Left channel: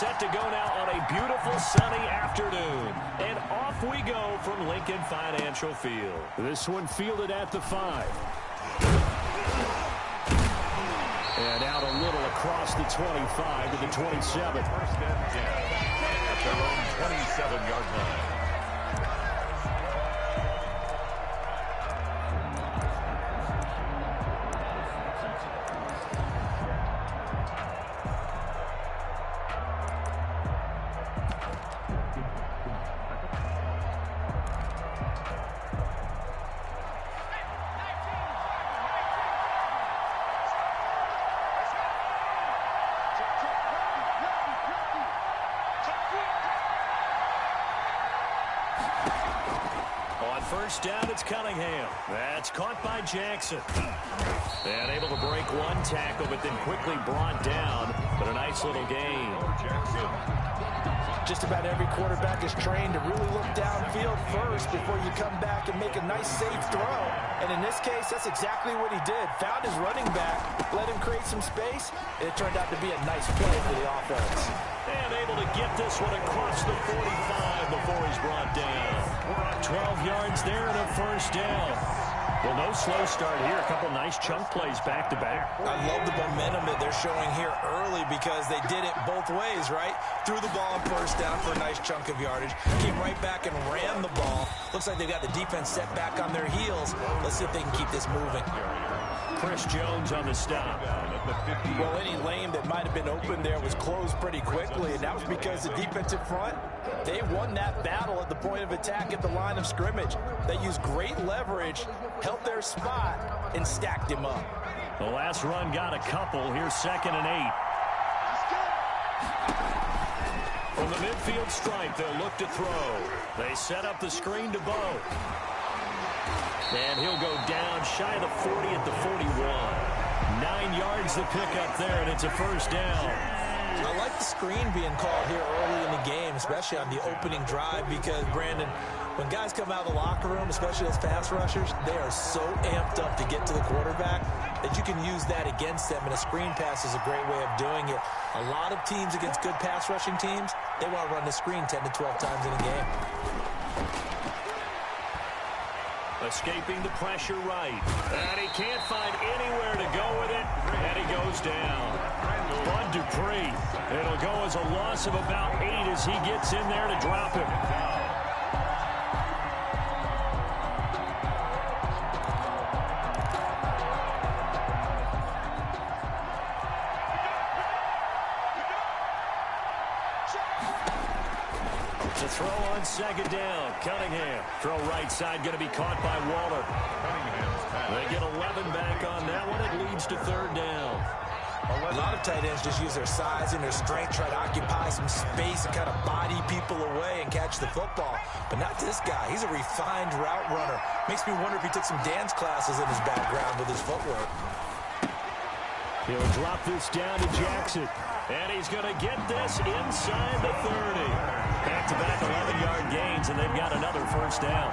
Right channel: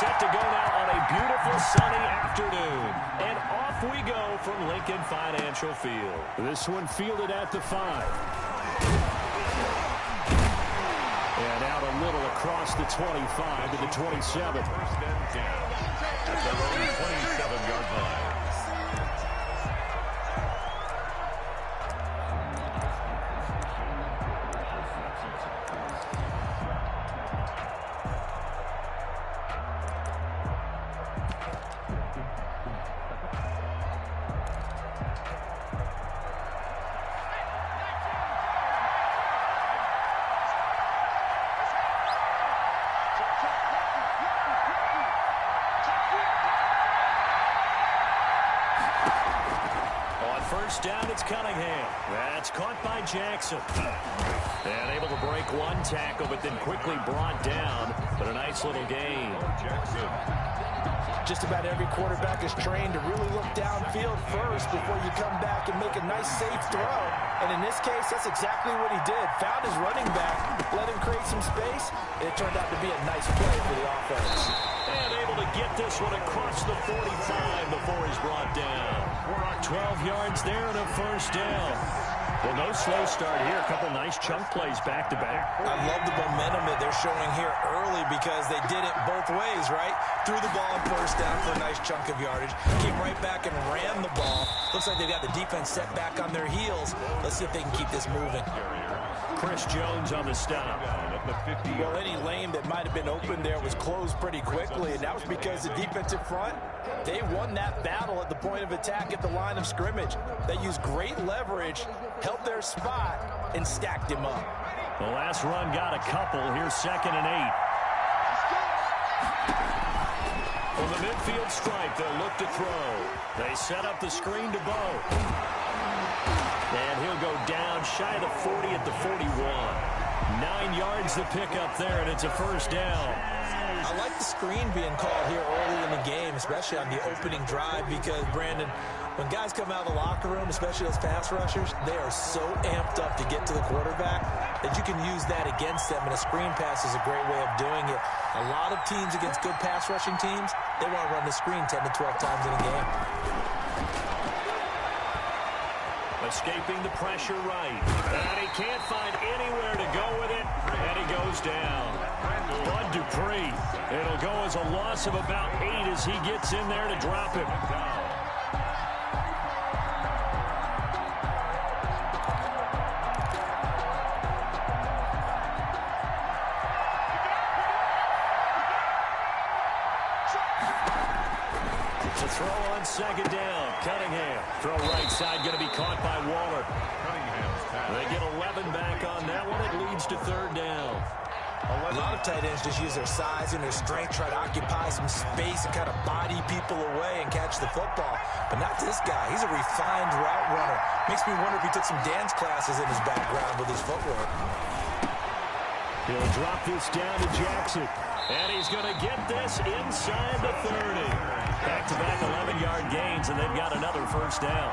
set to go now on a beautiful sunny afternoon. And off we go from Lincoln Financial Field. This one fielded at the 5. And out a little across the 25 to the 27. First and 10 at their own 27-yard line. First down, it's Cunningham. That's caught by Jackson. And able to break one tackle, but then quickly brought down. But a nice little gain. Just about every quarterback is trained to really look downfield first before you come back and make a nice, safe throw. And in this case, that's exactly what he did. Found his running back, let him create some space, and it turned out to be a nice play for the offense. And able to get this one across the 45 before he's brought down. 12 yards there and a first down. Well, no slow start here. A couple nice chunk plays back-to-back. I love the momentum that they're showing here early because they did it both ways, right? Threw the ball on first down for a nice chunk of yardage. Came right back and ran the ball. Looks like they've got the defense set back on their heels. Let's see if they can keep this moving. Chris Jones on the stop. Well, any lane that might have been open there was closed pretty quickly, and that was because the defensive front, they won that battle at the point of attack at the line of scrimmage. They used great leverage, held their spot, and stacked him up. The last run got a couple. Here's 2nd and 8. From the midfield stripe, they'll look to throw. They set up the screen to Bo. And he'll go down shy of the 40 at the 41. 9 yards to pick up there, and it's a first down. I like the screen being called here early in the game, especially on the opening drive, because, Brandon, when guys come out of the locker room, especially those pass rushers, they are so amped up to get to the quarterback that you can use that against them, and a screen pass is a great way of doing it. A lot of teams against good pass rushing teams, they want to run the screen 10 to 12 times in a game. Escaping the pressure right. And he can't find anywhere to go with it. And he goes down. Bud Dupree. It'll go as a loss of about 8 as he gets in there to drop him. To throw on 2nd down, Cunningham. Throw right side, going to be caught by Waller. Cunningham's pass. They get 11 back on that one. It leads to 3rd down. A lot of tight ends just use their size and their strength, try to occupy some space and kind of body people away and catch the football. But not this guy. He's a refined route runner. Makes me wonder if he took some dance classes in his background with his footwork. He'll drop this down to Jackson. And he's going to get this inside the 30. Back-to-back 11-yard gains, and they've got another first down.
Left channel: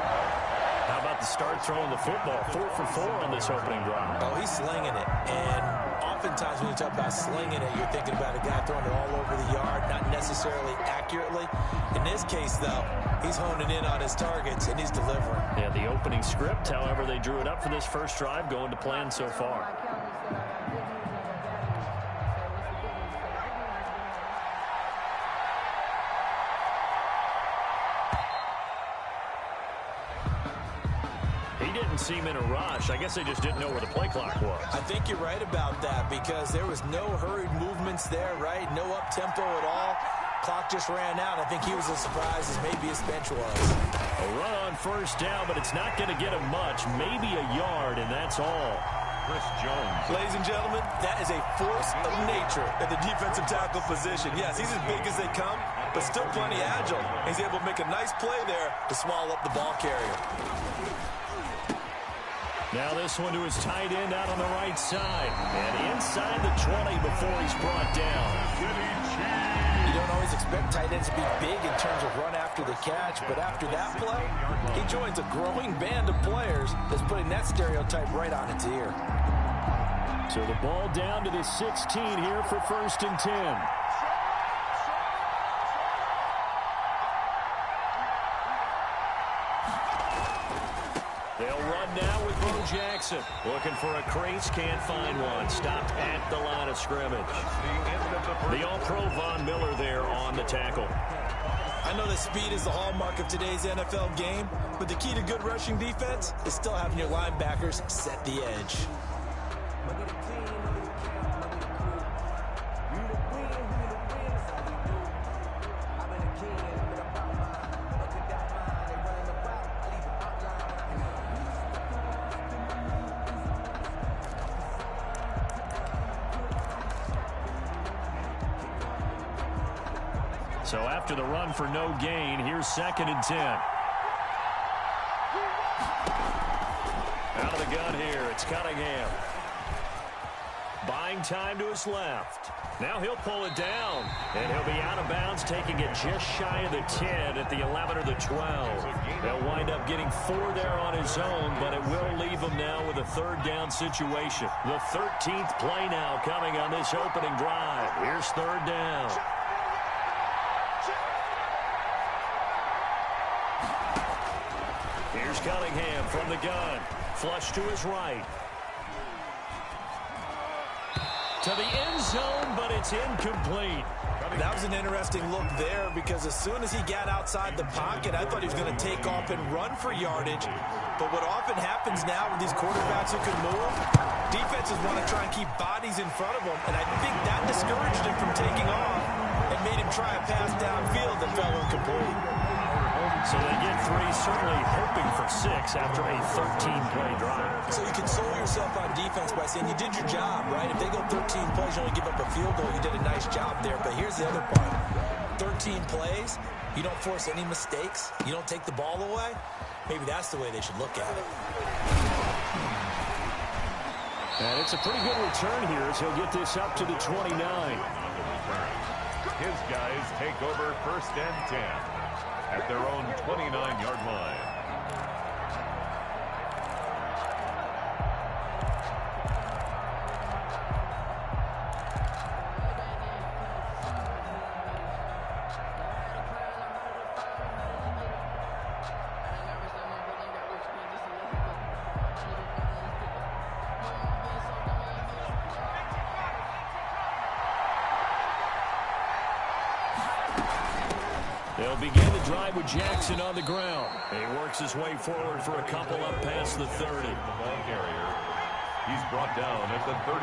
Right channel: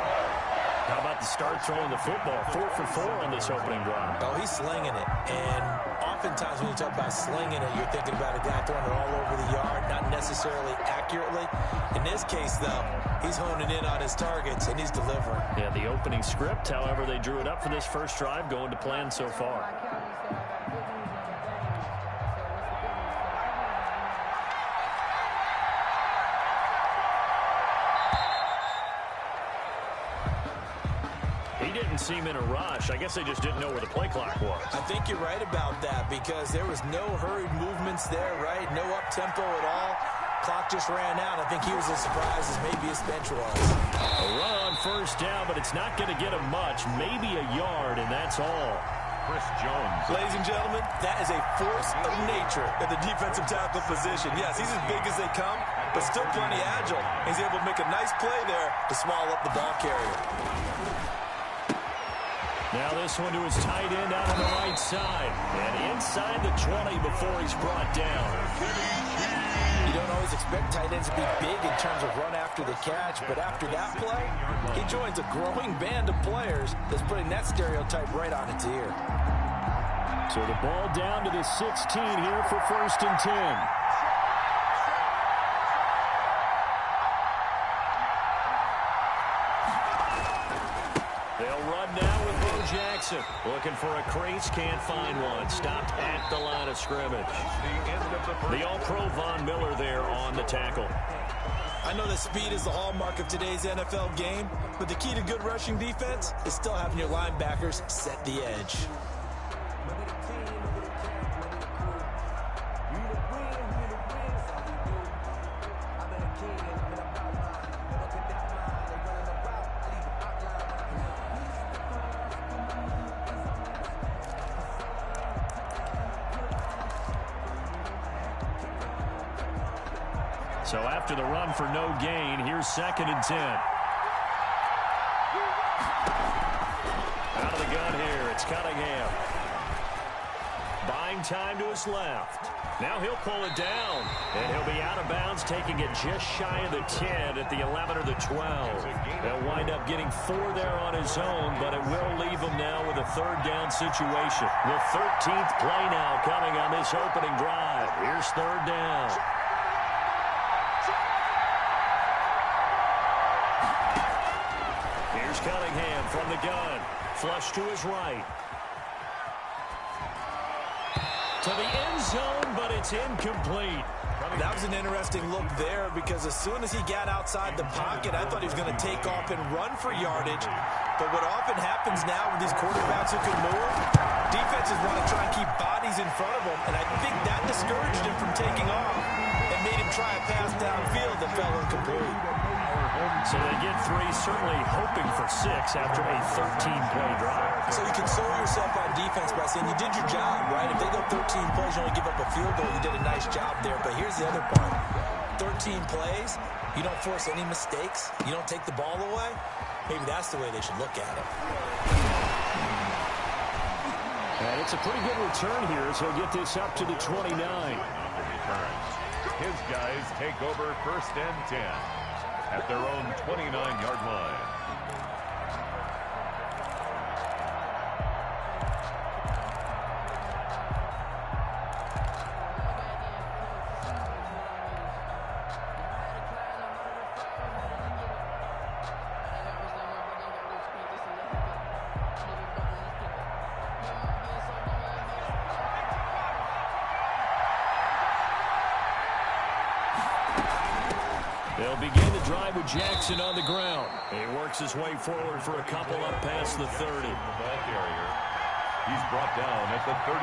How about the start throwing the football? 4 for 4 on this opening drive. Oh, he's slinging it. And oftentimes when you talk about slinging it, you're thinking about a guy throwing it all over the yard, not necessarily accurately. In this case, though, he's honing in on his targets, and he's delivering. Yeah, the opening script, however, they drew it up for this first drive, going to plan so far. He didn't seem in a rush. I guess they just didn't know where the play clock was. I think you're right about that because there was no hurried movements there, right? No up-tempo at all. Clock just ran out. I think he was as surprised as maybe his bench was. A run on first down, but it's not going to get him much. Maybe a yard, and that's all. Chris Jones. Ladies and gentlemen, that is a force of nature at the defensive tackle position. Yes, he's as big as they come, but still plenty agile. He's able to make a nice play there to swallow up the ball carrier. Now this one to his tight end out on the right side. And inside the 20 before he's brought down. You don't always expect tight ends to be big in terms of run after the catch, but after that play, he joins a growing band of players that's putting that stereotype right on its ear. So the ball down to the 16 here for 1st and 10. They'll run now with Bo Jackson. Looking for a crease, can't find one. Stopped at the line of scrimmage. The All-Pro Von Miller there on the tackle. I know that speed is the hallmark of today's NFL game, but the key to good rushing defense is still having your linebackers set the edge. So after the run for no gain, here's 2nd and 10. Out of the gun here, it's Cunningham. Buying time to his left. Now he'll pull it down, and he'll be out of bounds, taking it just shy of the 10 at the 11 or the 12. They'll wind up getting 4 there on his own, but it will leave him now with a 3rd down situation. The 13th play now coming on this opening drive. Here's 3rd down. Here's Cunningham from the gun. Flush to his right. To the end zone, but it's incomplete. That was an interesting look there because as soon as he got outside the pocket, I thought he was going to take off and run for yardage. But what often happens now with these quarterbacks who can move, defenses want to try and keep bodies in front of them, and I think that discouraged him from taking off and made him try a pass downfield that fell incomplete. So they get 3, certainly hoping for 6 after a 13-play drive. So you console yourself on defense by saying you did your job, right? If they go 13 plays, you only give up a field goal, you did a nice job there. But here's the other part. 13 plays, you don't force any mistakes, you don't take the ball away. Maybe that's the way they should look at it. And it's a pretty good return here as he'll get this up to the 29. His guys take over 1st and 10 at their own 29-yard line. They'll begin the drive with Jackson on the ground. He works his way forward for a couple up past the 30. The ball carrier. He's brought down at the 31.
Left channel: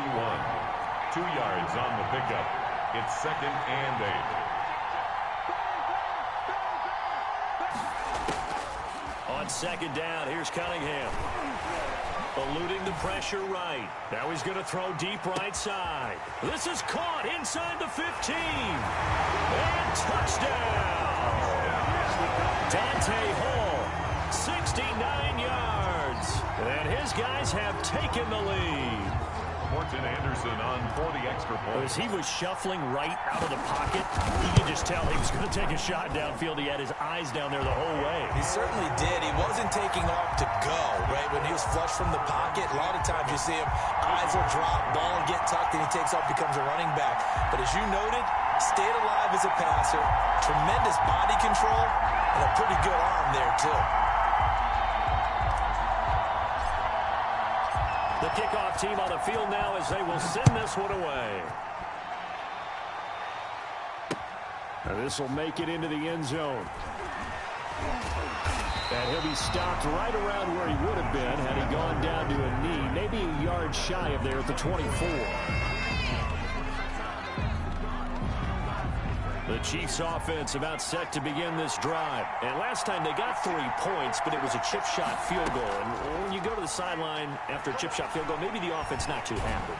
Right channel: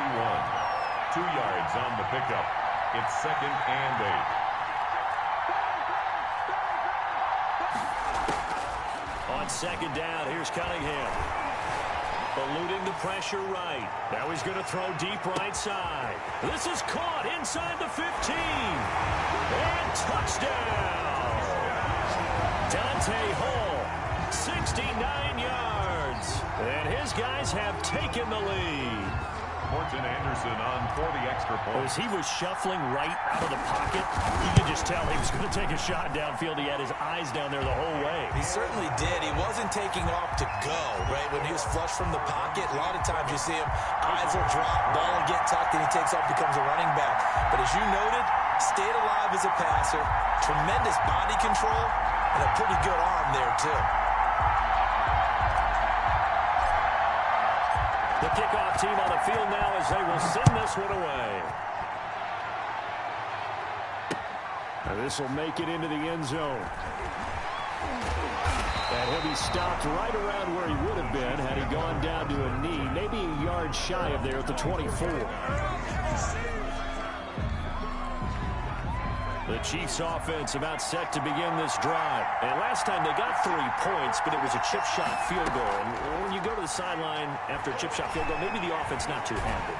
2 yards on the pickup. It's 2nd and 8. On 2nd down, here's Cunningham. Eluding the pressure right. Now he's going to throw deep right side. This is caught inside the 15. And touchdown. Dante Hall, 69 yards. And his guys have taken the lead. Morton Anderson on for the extra point. As he was shuffling right out of the pocket, you could just tell he was going to take a shot downfield. He had his eyes down there the whole way. He certainly did. He wasn't taking off to go, right? When he was flush from the pocket, a lot of times you see him, eyes will drop, ball will get tucked, and he takes off, becomes a running back. But as you noted, stayed alive as a passer, tremendous body control, and a pretty good arm there, too. The kickoff team on the field now as they will send this one away. And this will make it into the end zone. And he'll be stopped right around where he would have been had he gone down to a knee, maybe a yard shy of there at the 24. The Chiefs offense about set to begin this drive. And last time they got 3 points, but it was a chip shot field goal. And when you go to the sideline after a chip shot field goal, maybe the offense not too happy.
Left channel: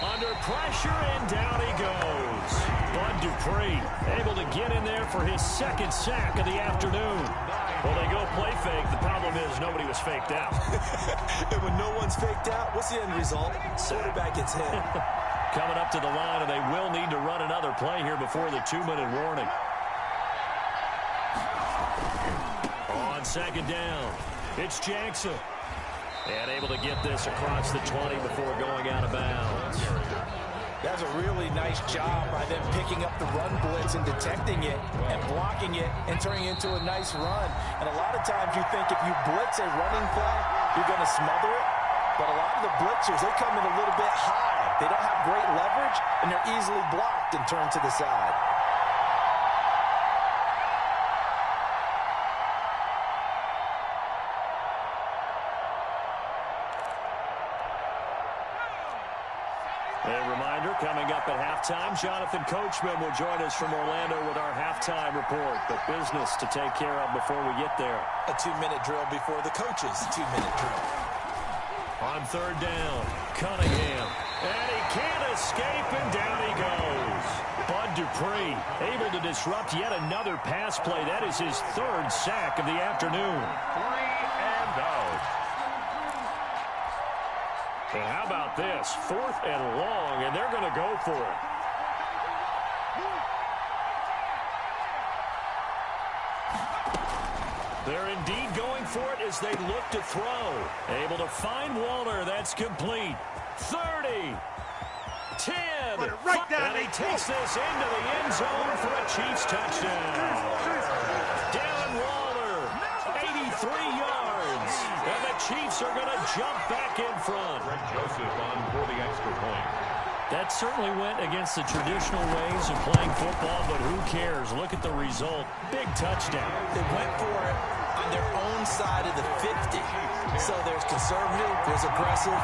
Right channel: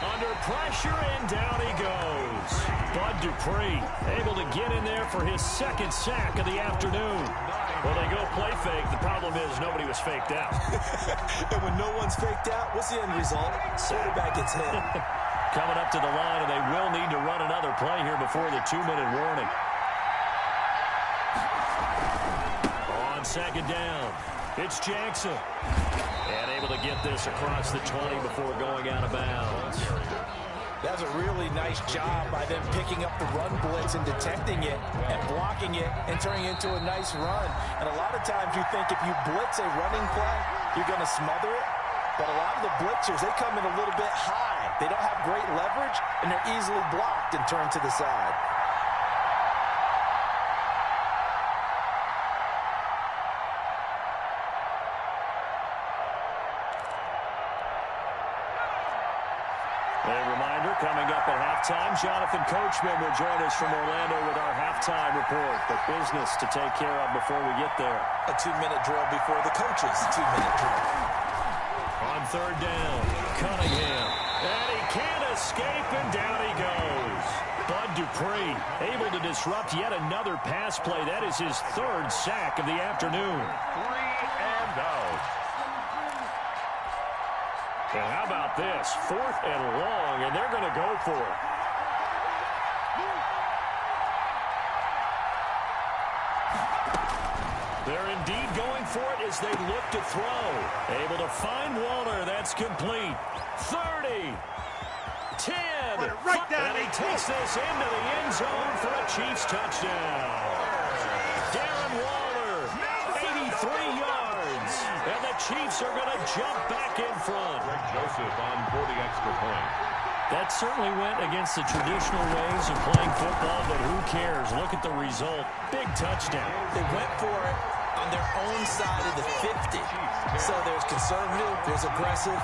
Under pressure, and down he goes. Bud Dupree able to get in there for his 2nd sack of the afternoon. Well, they go play fake. The problem is nobody was faked out. And when no one's faked out, what's the end result? Quarterback gets hit. Coming up to the line, and they will need to run another play here before the 2-minute warning. On 2nd down, it's Jackson. And able to get this across the 20 before going out of bounds. That's a really nice job by them picking up the run blitz and detecting it and blocking it and turning it into a nice run. And a lot of times you think if you blitz a running play, you're going to smother it. But a lot of the blitzers, they come in a little bit high. They don't have great leverage, and they're easily blocked and turned to the side. A reminder, coming up at halftime, Jonathan Coachman will join us from Orlando with our halftime report. But business to take care of before we get there. A 2-minute drill before the coach's 2-minute drill. On third down, Cunningham. And he can't escape, and down he goes. Bud Dupree able to disrupt yet another pass play. That is his third sack of the afternoon. 3 and out. And how about this? 4th and long, and they're going to go for it. They're indeed going for it as they look to throw. Able to find Waller. That's complete. 30. 10. Right down, and he takes this into the end zone for a Chiefs touchdown. Darren Waller, 83 yards. And the Chiefs are going to jump back in front. Greg Joseph on for the extra point. That certainly went against the traditional ways of playing football, but who cares? Look at the result. Big touchdown. They went for it on their own side of the 50. So there's conservative, there's aggressive,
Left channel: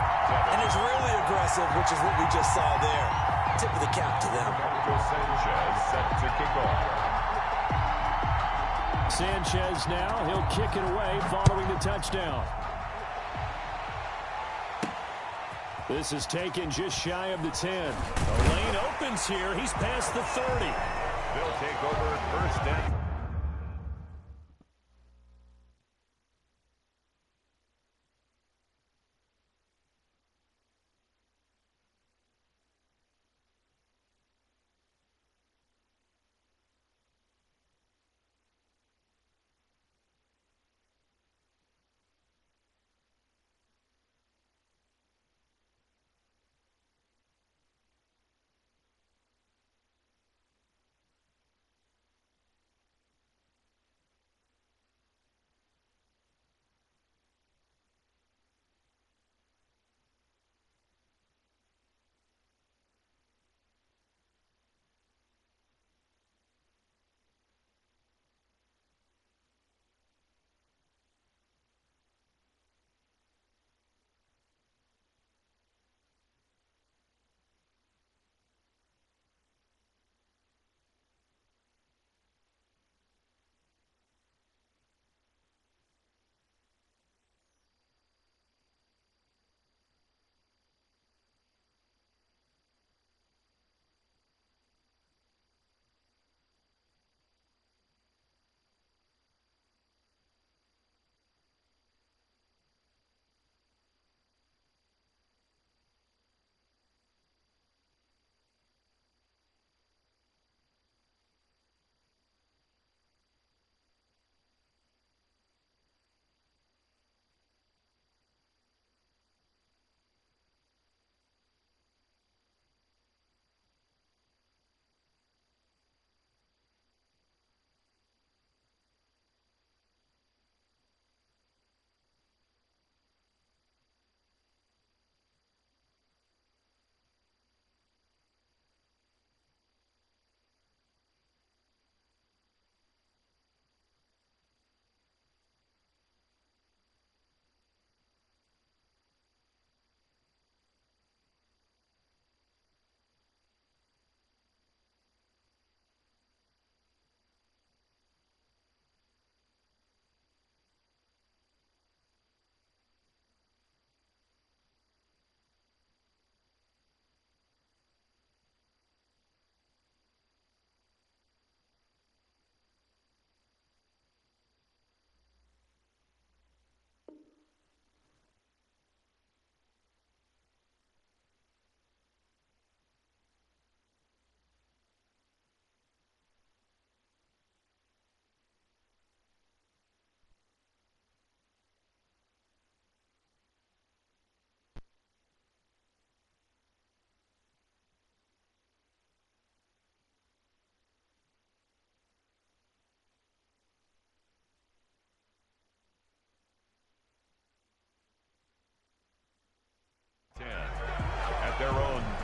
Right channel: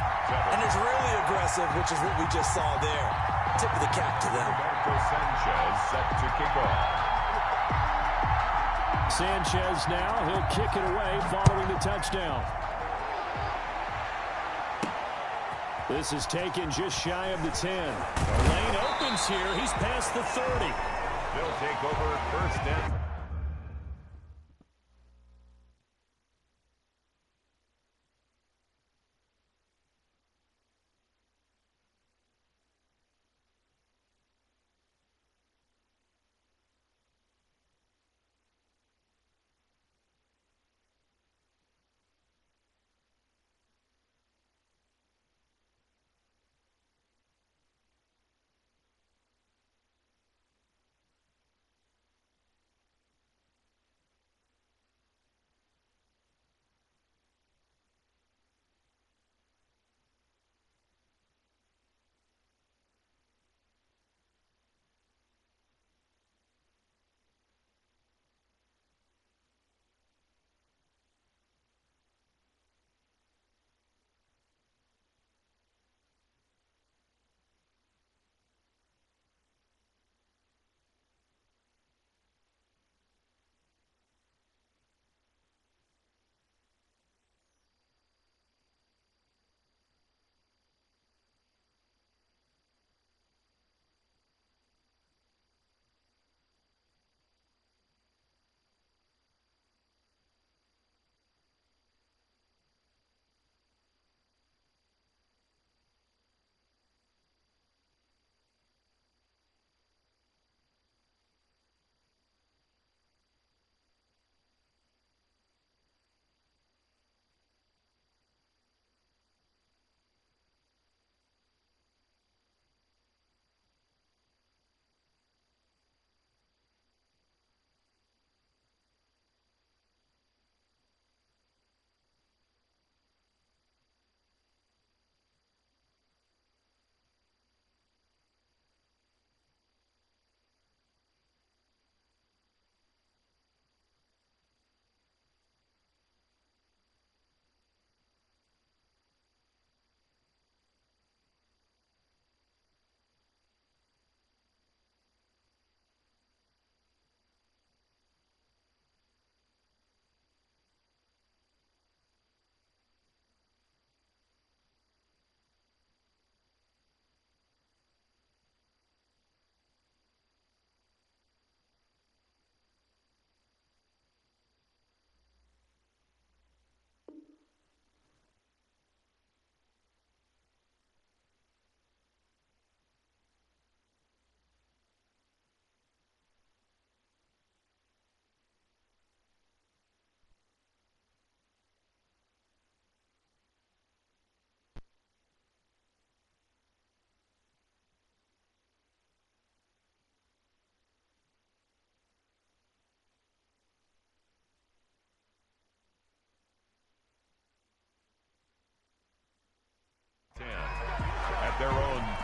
and there's really aggressive, which is what we just saw there. Tip of the cap to them. Roberto Sanchez set to kick off. Sanchez now, he'll kick it away following the touchdown. This is taken just shy of the 10. The lane opens here. He's past the 30. They'll take over first and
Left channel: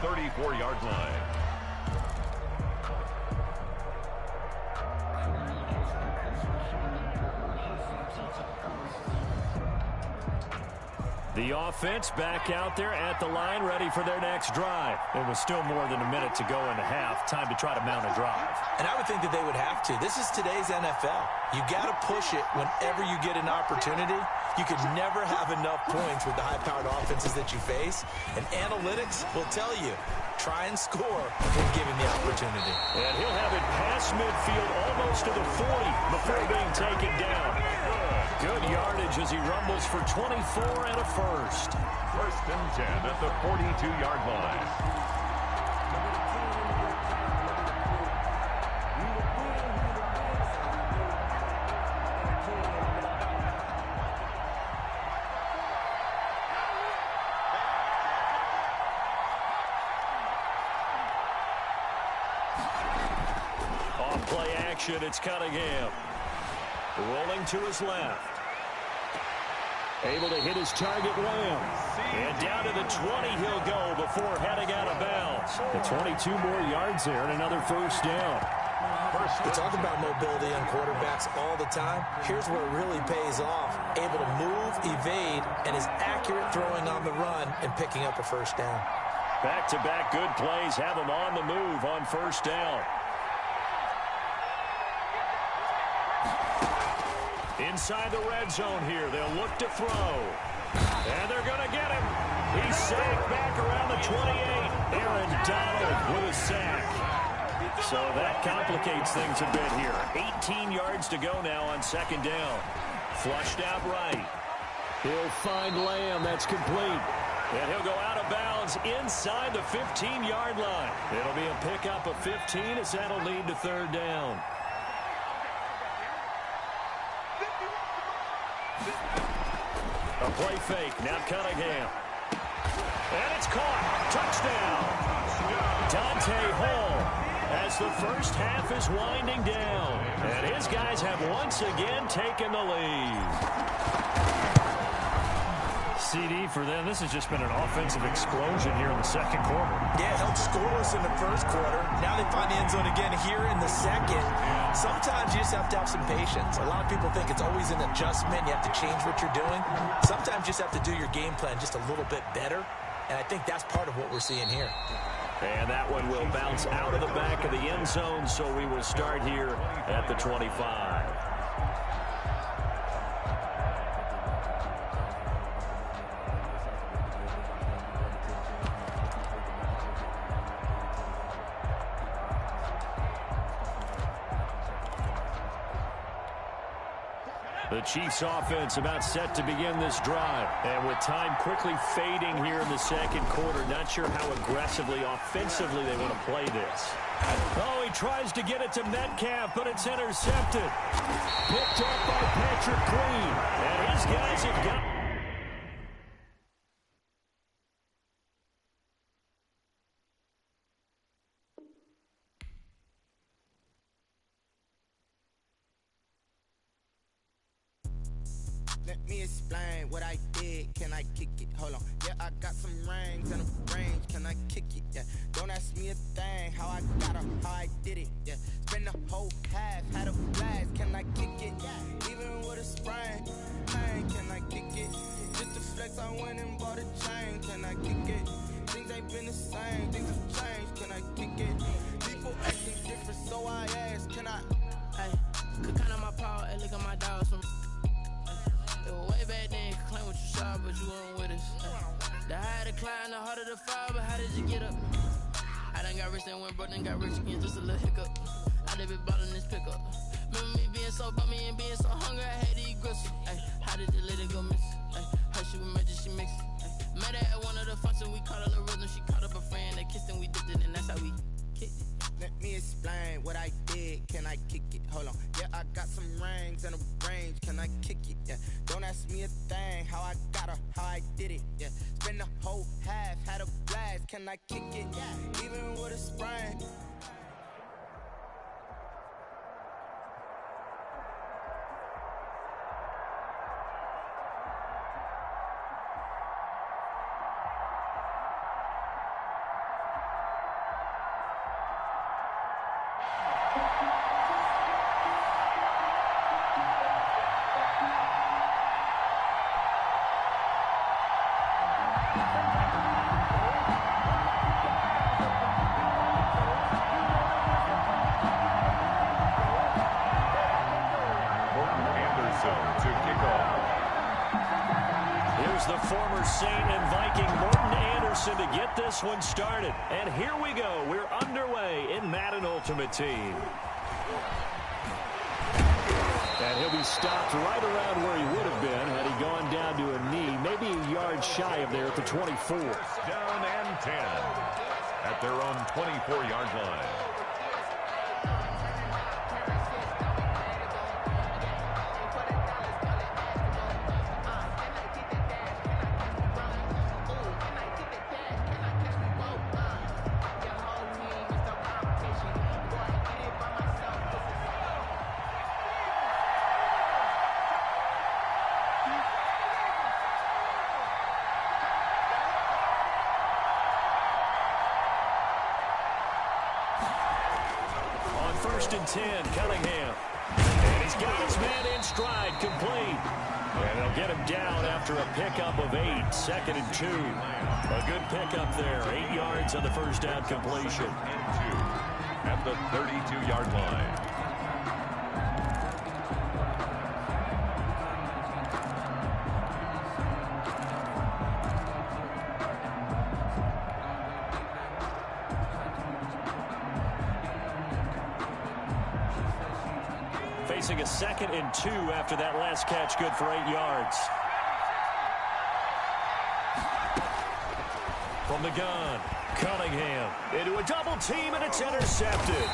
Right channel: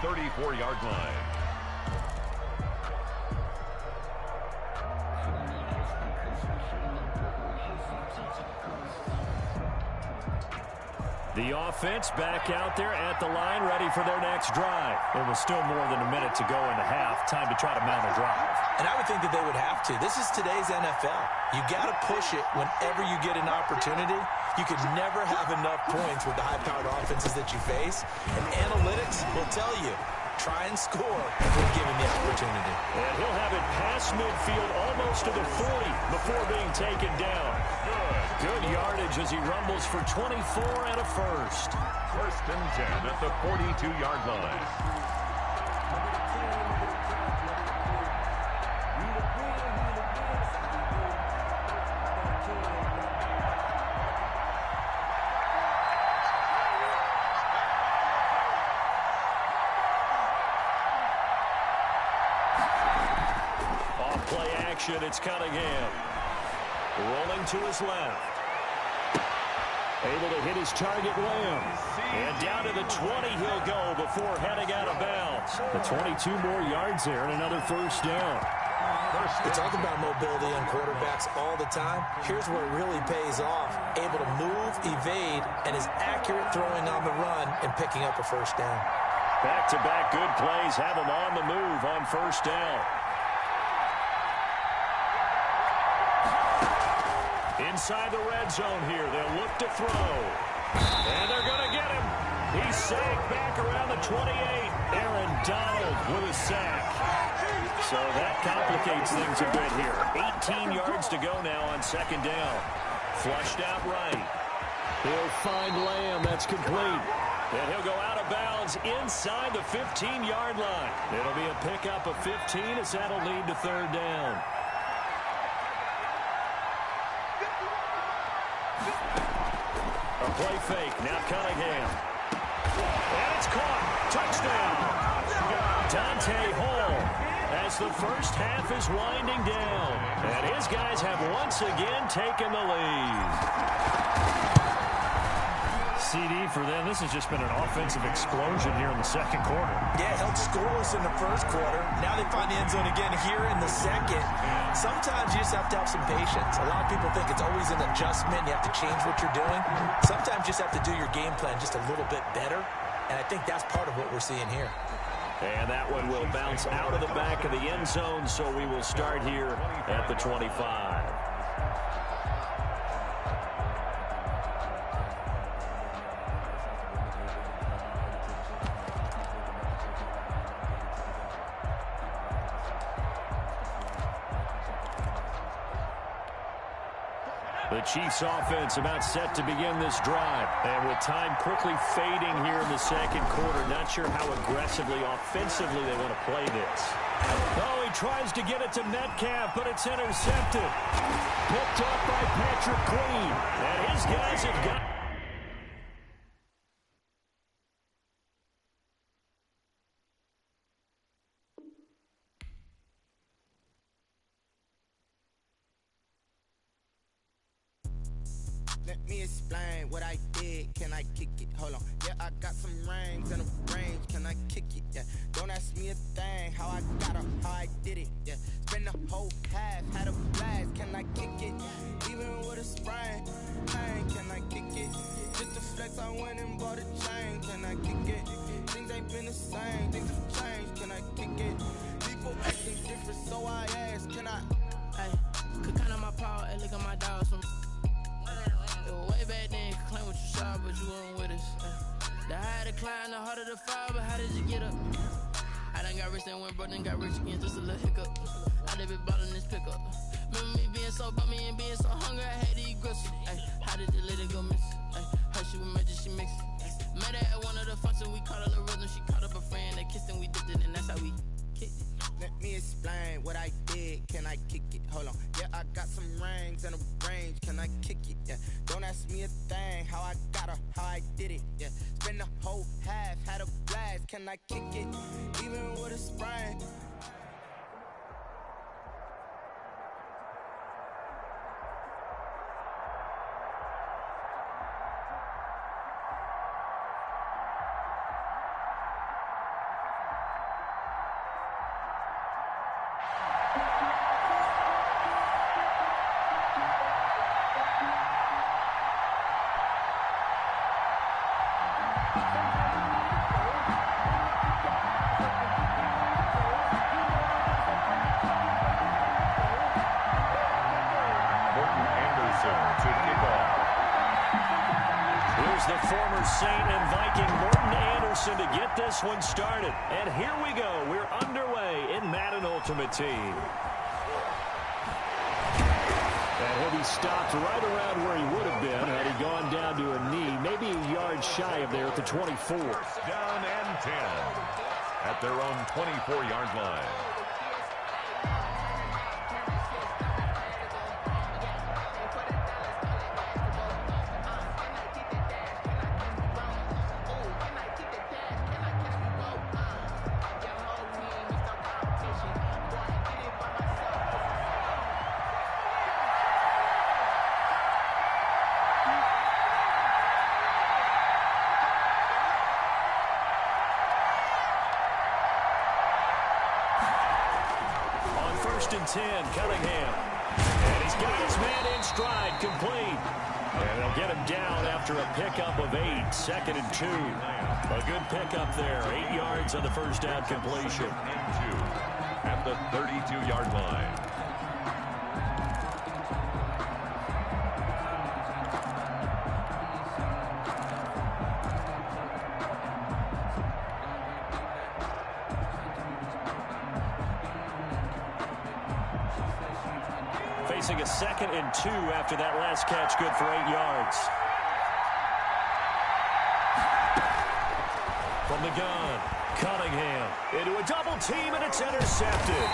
34-yard line. The offense back out there at the line, ready for their next drive. It was still more than a minute to go in the half. Time to try to mount a drive. And I would think that they would have to. This is today's NFL. You got to push it whenever you get an opportunity. You could never have enough points with the high-powered offenses that you face. And analytics will tell you, try and score when given the opportunity. And he'll have it past midfield almost to the 40 before being taken down. Good yardage as he rumbles for 24 and a first. First and 10 at the 42-yard line. Off-play action, it's Cunningham. Rolling to his left. Able to hit his target, Lamb. And down to the 20 he'll go before heading out of bounds. The 22 more yards there and another first down. We talk about mobility on quarterbacks all the time. Here's where it really pays off. Able to move, evade, and is accurate throwing on the run and picking up a first down. Back-to-back good plays have him on the move on first down. Inside the red zone here, they'll look to throw. And they're going to get him. He's sacked back around the 28. Aaron Donald with a sack. So that complicates things a bit here. 18 yards to go now on second down. Flushed out right. He'll find Lamb. That's complete. And he'll go out of bounds inside the 15-yard line. It'll be a pickup of 15 as that'll lead to third down. A play fake. Now Cunningham. And it's caught. Touchdown. Dante Hall as the first half is winding down. And his guys have once again taken the lead. CD for them. This has just been an offensive explosion here in the second quarter. Yeah, held scoreless in the first quarter. Now they find the end zone again here in the second. Sometimes you just have to have some patience. A lot of people think it's always an adjustment. You have to change what you're doing. Sometimes you just have to do your game plan just a little bit better. And I think that's part of what we're seeing here. And that one will bounce out of the back of the end zone, so we will start here at the 25. The Chiefs offense about set to begin this drive. And with time quickly fading here in the second quarter, not sure how aggressively, offensively they want to play this. Oh, he tries to get it to Metcalf, but it's intercepted. Picked up by Patrick Queen. And his guys have got... Let me explain what I did. Can I kick it? Hold on. Yeah, I got some rings and a range. Can I kick it? Yeah. Don't ask me a thing. How I got her, how I did it. Yeah. Spend the whole half, had a blast. Can I kick it? Even with a sprain. Pain, can I kick it? Just to flex, I went and bought a chain. Can I kick it? Things ain't been the same. Things have changed. Can I kick it? People acting different, so I ask. Can I? Hey, could count on my power and look at my dogs from. Way back then, you could claim what you saw, but you weren't with us. The higher the climb, the harder the fall, but how did you get up? I done got rich and went broke, then got rich again, just a little hiccup. I done been ballin' this pickup. Remember me being so bummy and being so hungry, I had to eat gristle. Ay, how did you let it go miss? Ay, how she was magic, she mixed it. Met her at one of the functions, we caught her the rhythm, she caught up a friend, they kissed and we dipped it, and that's how we kicked it. Let me explain what I did. Can I kick it? Hold on. Yeah, I got some rings and a range. Can I kick it? Yeah. Don't ask me a thing. How I got her, how I did it. Yeah. Spend the whole half, had a blast. Can I kick it? Even with a sprain. To kick off. Here's the former Saint and Viking Morton Anderson to get this one started. And here we go. We're underway in Madden Ultimate Team. And he'll be stopped right around where he would have been had he gone down to a knee, maybe a yard shy of there at the 24. Down and 10 at their own 24-yard line. First and 10, Cunningham. And he's got his man in stride, complete. And they'll get him down after a pickup of 8, 2nd and 2. A good pickup there, 8 yards on the first down completion. And 2 at the 32-yard line. Facing a 2nd and 2 after that last catch, good for 8 yards. From the gun, Cunningham into a double team, and it's intercepted.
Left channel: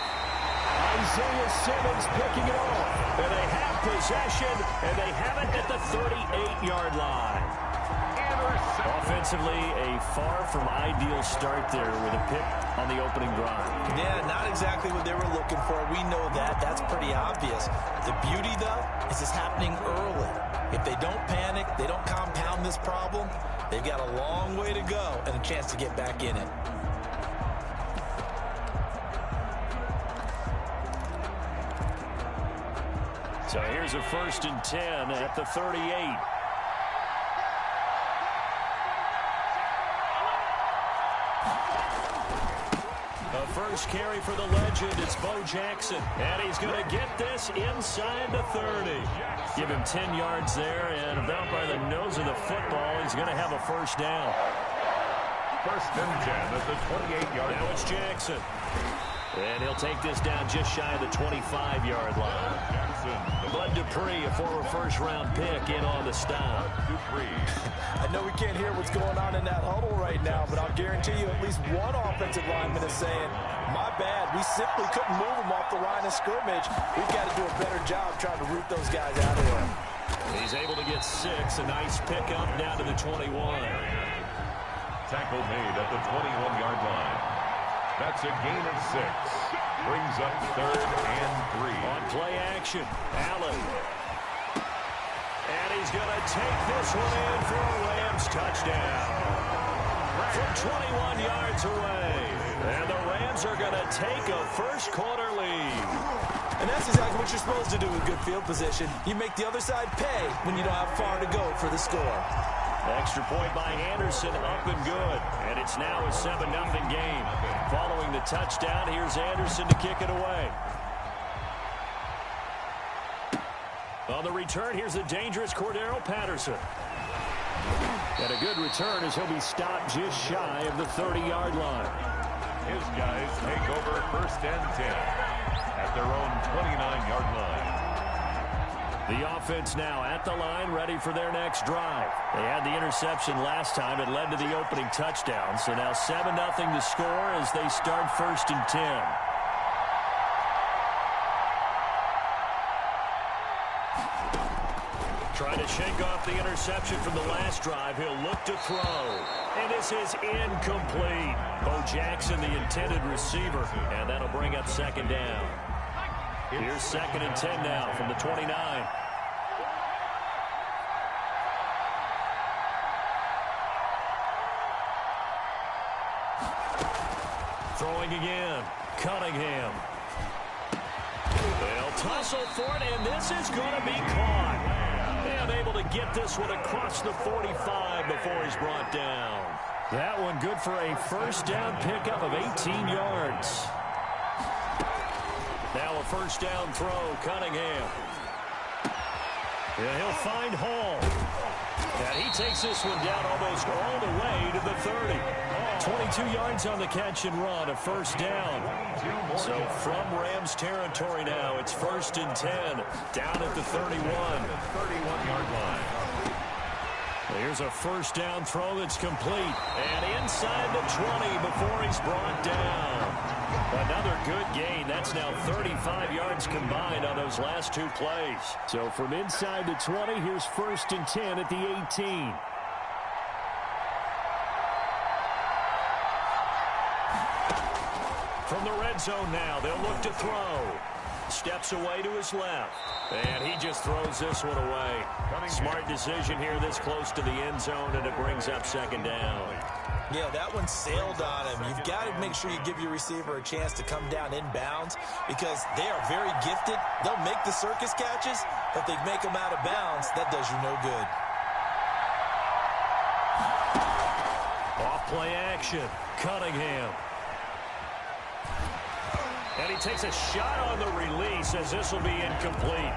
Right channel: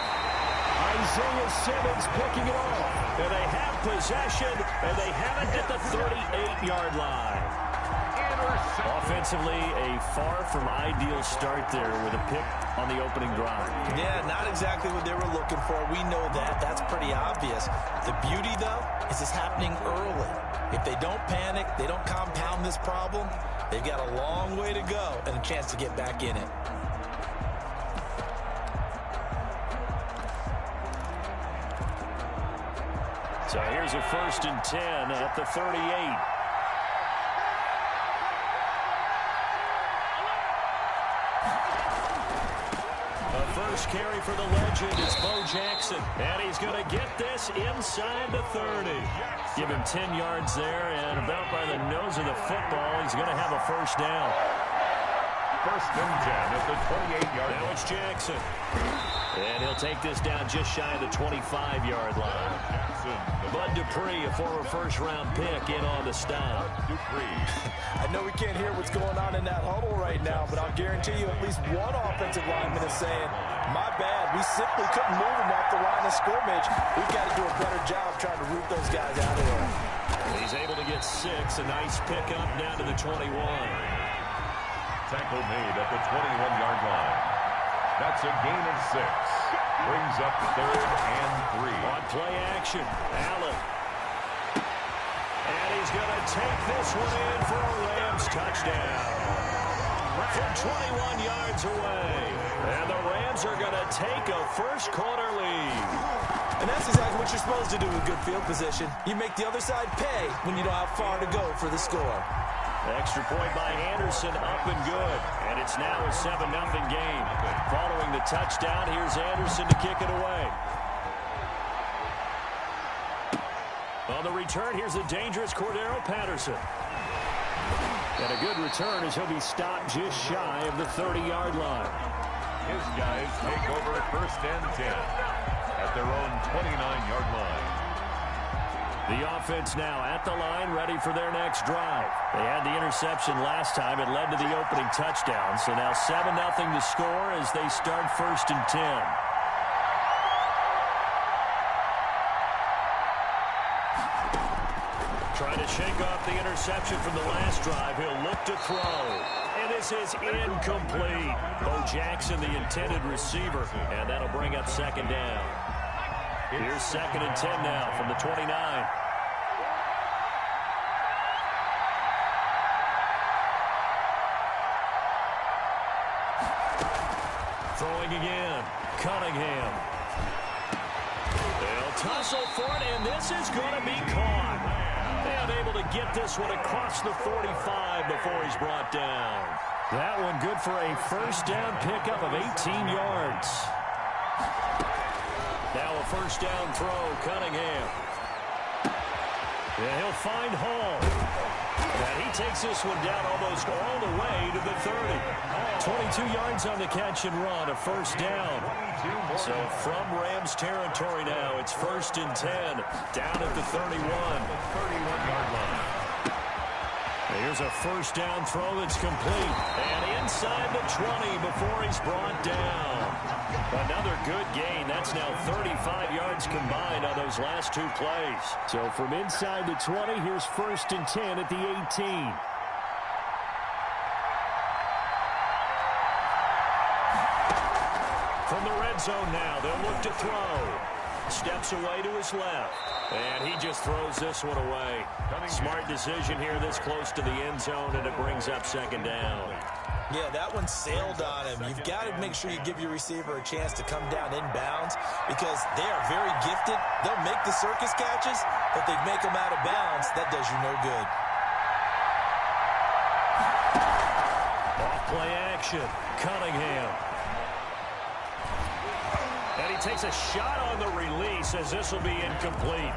Isaiah Simmons picking it off. And they have possession, and they have it at the 38-yard line. Offensively, a far from ideal start there with a pick on the opening drive. Yeah, not exactly what they were looking for. We know that. That's pretty obvious. The beauty, though, is it's happening early. If they don't panic, they don't compound this problem, they've got a long way to go and a chance to get back in it. So here's a 1st and 10 at the 38. The first carry for the legend is Bo Jackson. And he's going to get this inside the 30. Give him 10 yards there, and about by the nose of the football, he's going to have a first down. 1st and 10 at the 28-yard line. Now it's Jackson. And he'll take this down just shy of the 25-yard line. Jackson. Bud Dupree, a former first-round pick, in on the stop. Dupree. I know we can't hear what's going on in that huddle right now, but I'll guarantee you at least one offensive lineman is saying, my bad, we simply couldn't move him off the line of scrimmage. We've got to do a better job trying to root those guys out of there. He's able to get 6, a nice pickup down to the 21. Tackle made at the 21-yard line. That's a gain of 6. Brings up 3rd and 3. On play action, Allen. And he's going to take this one in for a Rams touchdown. From 21 yards away. And the Rams are going to take a first-quarter lead. And that's exactly what you're supposed to do with good field position. You make the other side pay when you don't have far to go for the score. Extra point by Anderson, up and good. And it's now a 7-0 game. Following the touchdown, here's Anderson to kick it away. On the return, here's the dangerous Cordero Patterson. And a good return as he'll be stopped just shy of the 30-yard line. His guys take over 1st and 10 at their own 29-yard line. The offense now at the line, ready for their next drive. They had the interception last time. It led to the opening touchdown. So now 7-0 to score as they start 1st and 10. Trying to shake off the interception from the last drive. He'll look to throw. And this is incomplete. Bo Jackson, the intended receiver. And that'll bring up 2nd down. Here's 2nd and 10 now from the 29. Throwing again. Cunningham. They'll tussle for it, and this is going to be caught. And able to get this one across the 45 before he's brought down. That one good for a first down pickup of 18 yards. Now a first down throw, Cunningham. Yeah, he'll find Hall. And he takes this one down almost all the way to the 30. 22 yards on the catch and run, a first down. So from Rams territory now, it's 1st and 10, down at the 31. 31-yard line. Here's a first down throw that's complete. And inside the 20 before he's brought down. Another good gain. That's now 35 yards combined on those last two plays. So from inside the 20, here's 1st and 10 at the 18. From the red zone now, they'll look to throw. Steps away to his left. And he just throws this one away. Smart decision here this close to the end zone, and it brings up 2nd down. Yeah, that one sailed on him. You've got to make sure you give your receiver a chance to come down inbounds because they are very gifted. They'll make the circus catches, but if they make them out of bounds, that does you no good. Off play action. Cunningham. And he takes a shot on the release as this will be incomplete.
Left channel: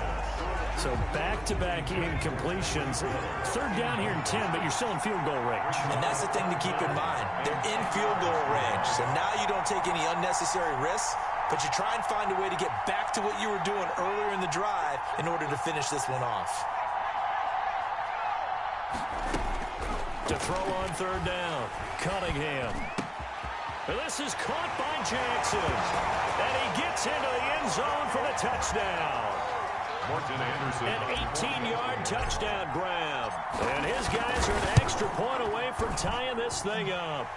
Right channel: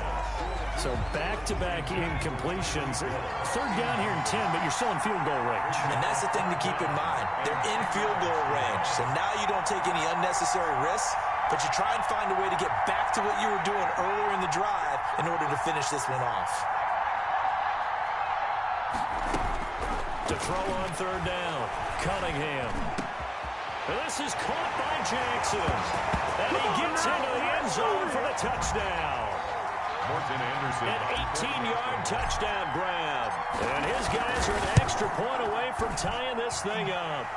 So back-to-back incompletions. 3rd down here and 10, but you're still in field goal range. And that's the thing to keep in mind. They're in field goal range. So now you don't take any unnecessary risks, but you try and find a way to get back to what you were doing earlier in the drive in order to finish this one off. To throw on 3rd down, Cunningham. And this is caught by Jackson. And he gets into the end zone for the touchdown. Morton Anderson. An 18-yard touchdown grab. And his guys are an extra point away from tying this thing up.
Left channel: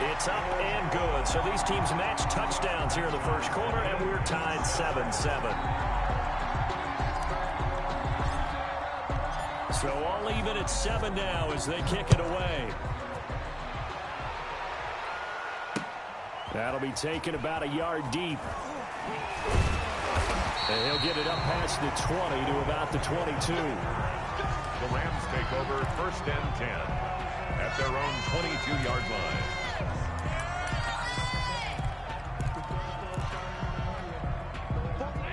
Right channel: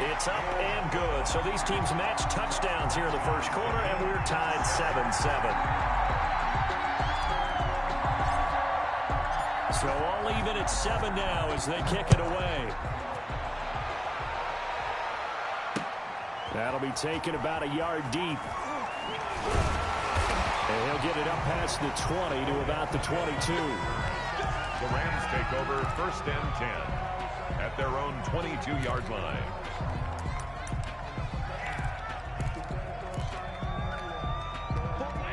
It's up and good. So these teams match touchdowns here in the first quarter, and we're tied 7-7. So all even at 7 now as they kick it away. That'll be taken about a yard deep. And he'll get it up past the 20 to about the 22. The Rams take over 1st and 10 at their own 22-yard line.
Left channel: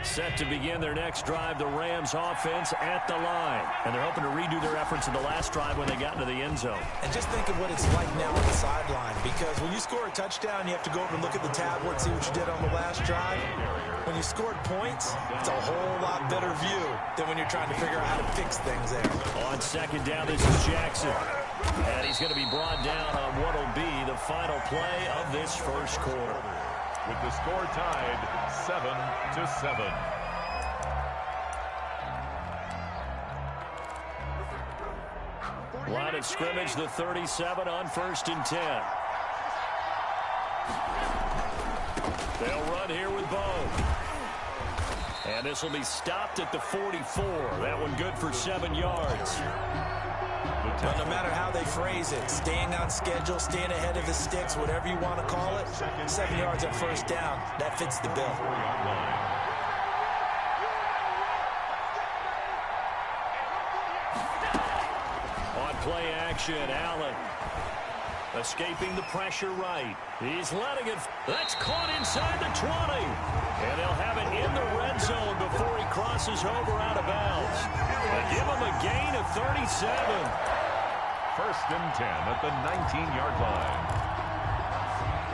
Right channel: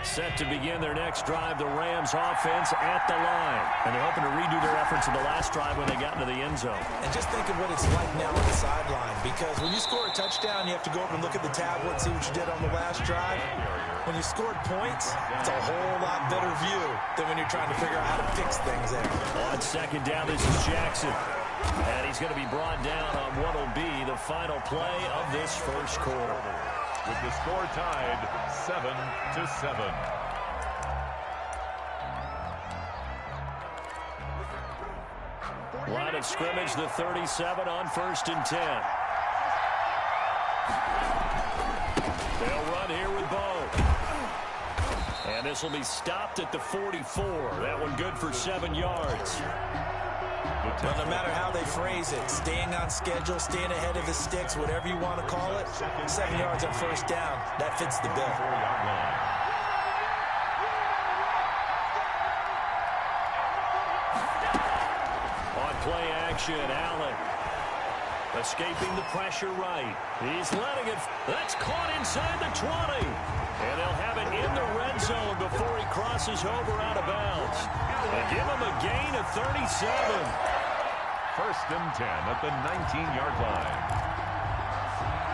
Set to begin their next drive, the Rams offense at the line. And they're hoping to redo their efforts in the last drive when they got into the end zone. And just think of what it's like now on the sideline, because when you score a touchdown, you have to go over and look at the tablet and see what you did on the last drive. When you scored points, it's a whole lot better view than when you're trying to figure out how to fix things there. On 2nd down, this is Jackson. And he's going to be brought down on what will be the final play of this first quarter. With the score tied 7-7. Line of scrimmage, the 37 on 1st and 10. They'll run here with Bo. And this will be stopped at the 44. That one good for 7 yards. Well, no matter how they phrase it, staying on schedule, staying ahead of the sticks, whatever you want to call it, 7 yards on 1st down, that fits the bill. 4-yard line. On play action, Allen. Escaping the pressure right. He's letting it. That's caught inside the 20. And they'll have it in the red zone before he crosses over out of bounds. They give him a gain of 37. 1st and 10 at the 19-yard line.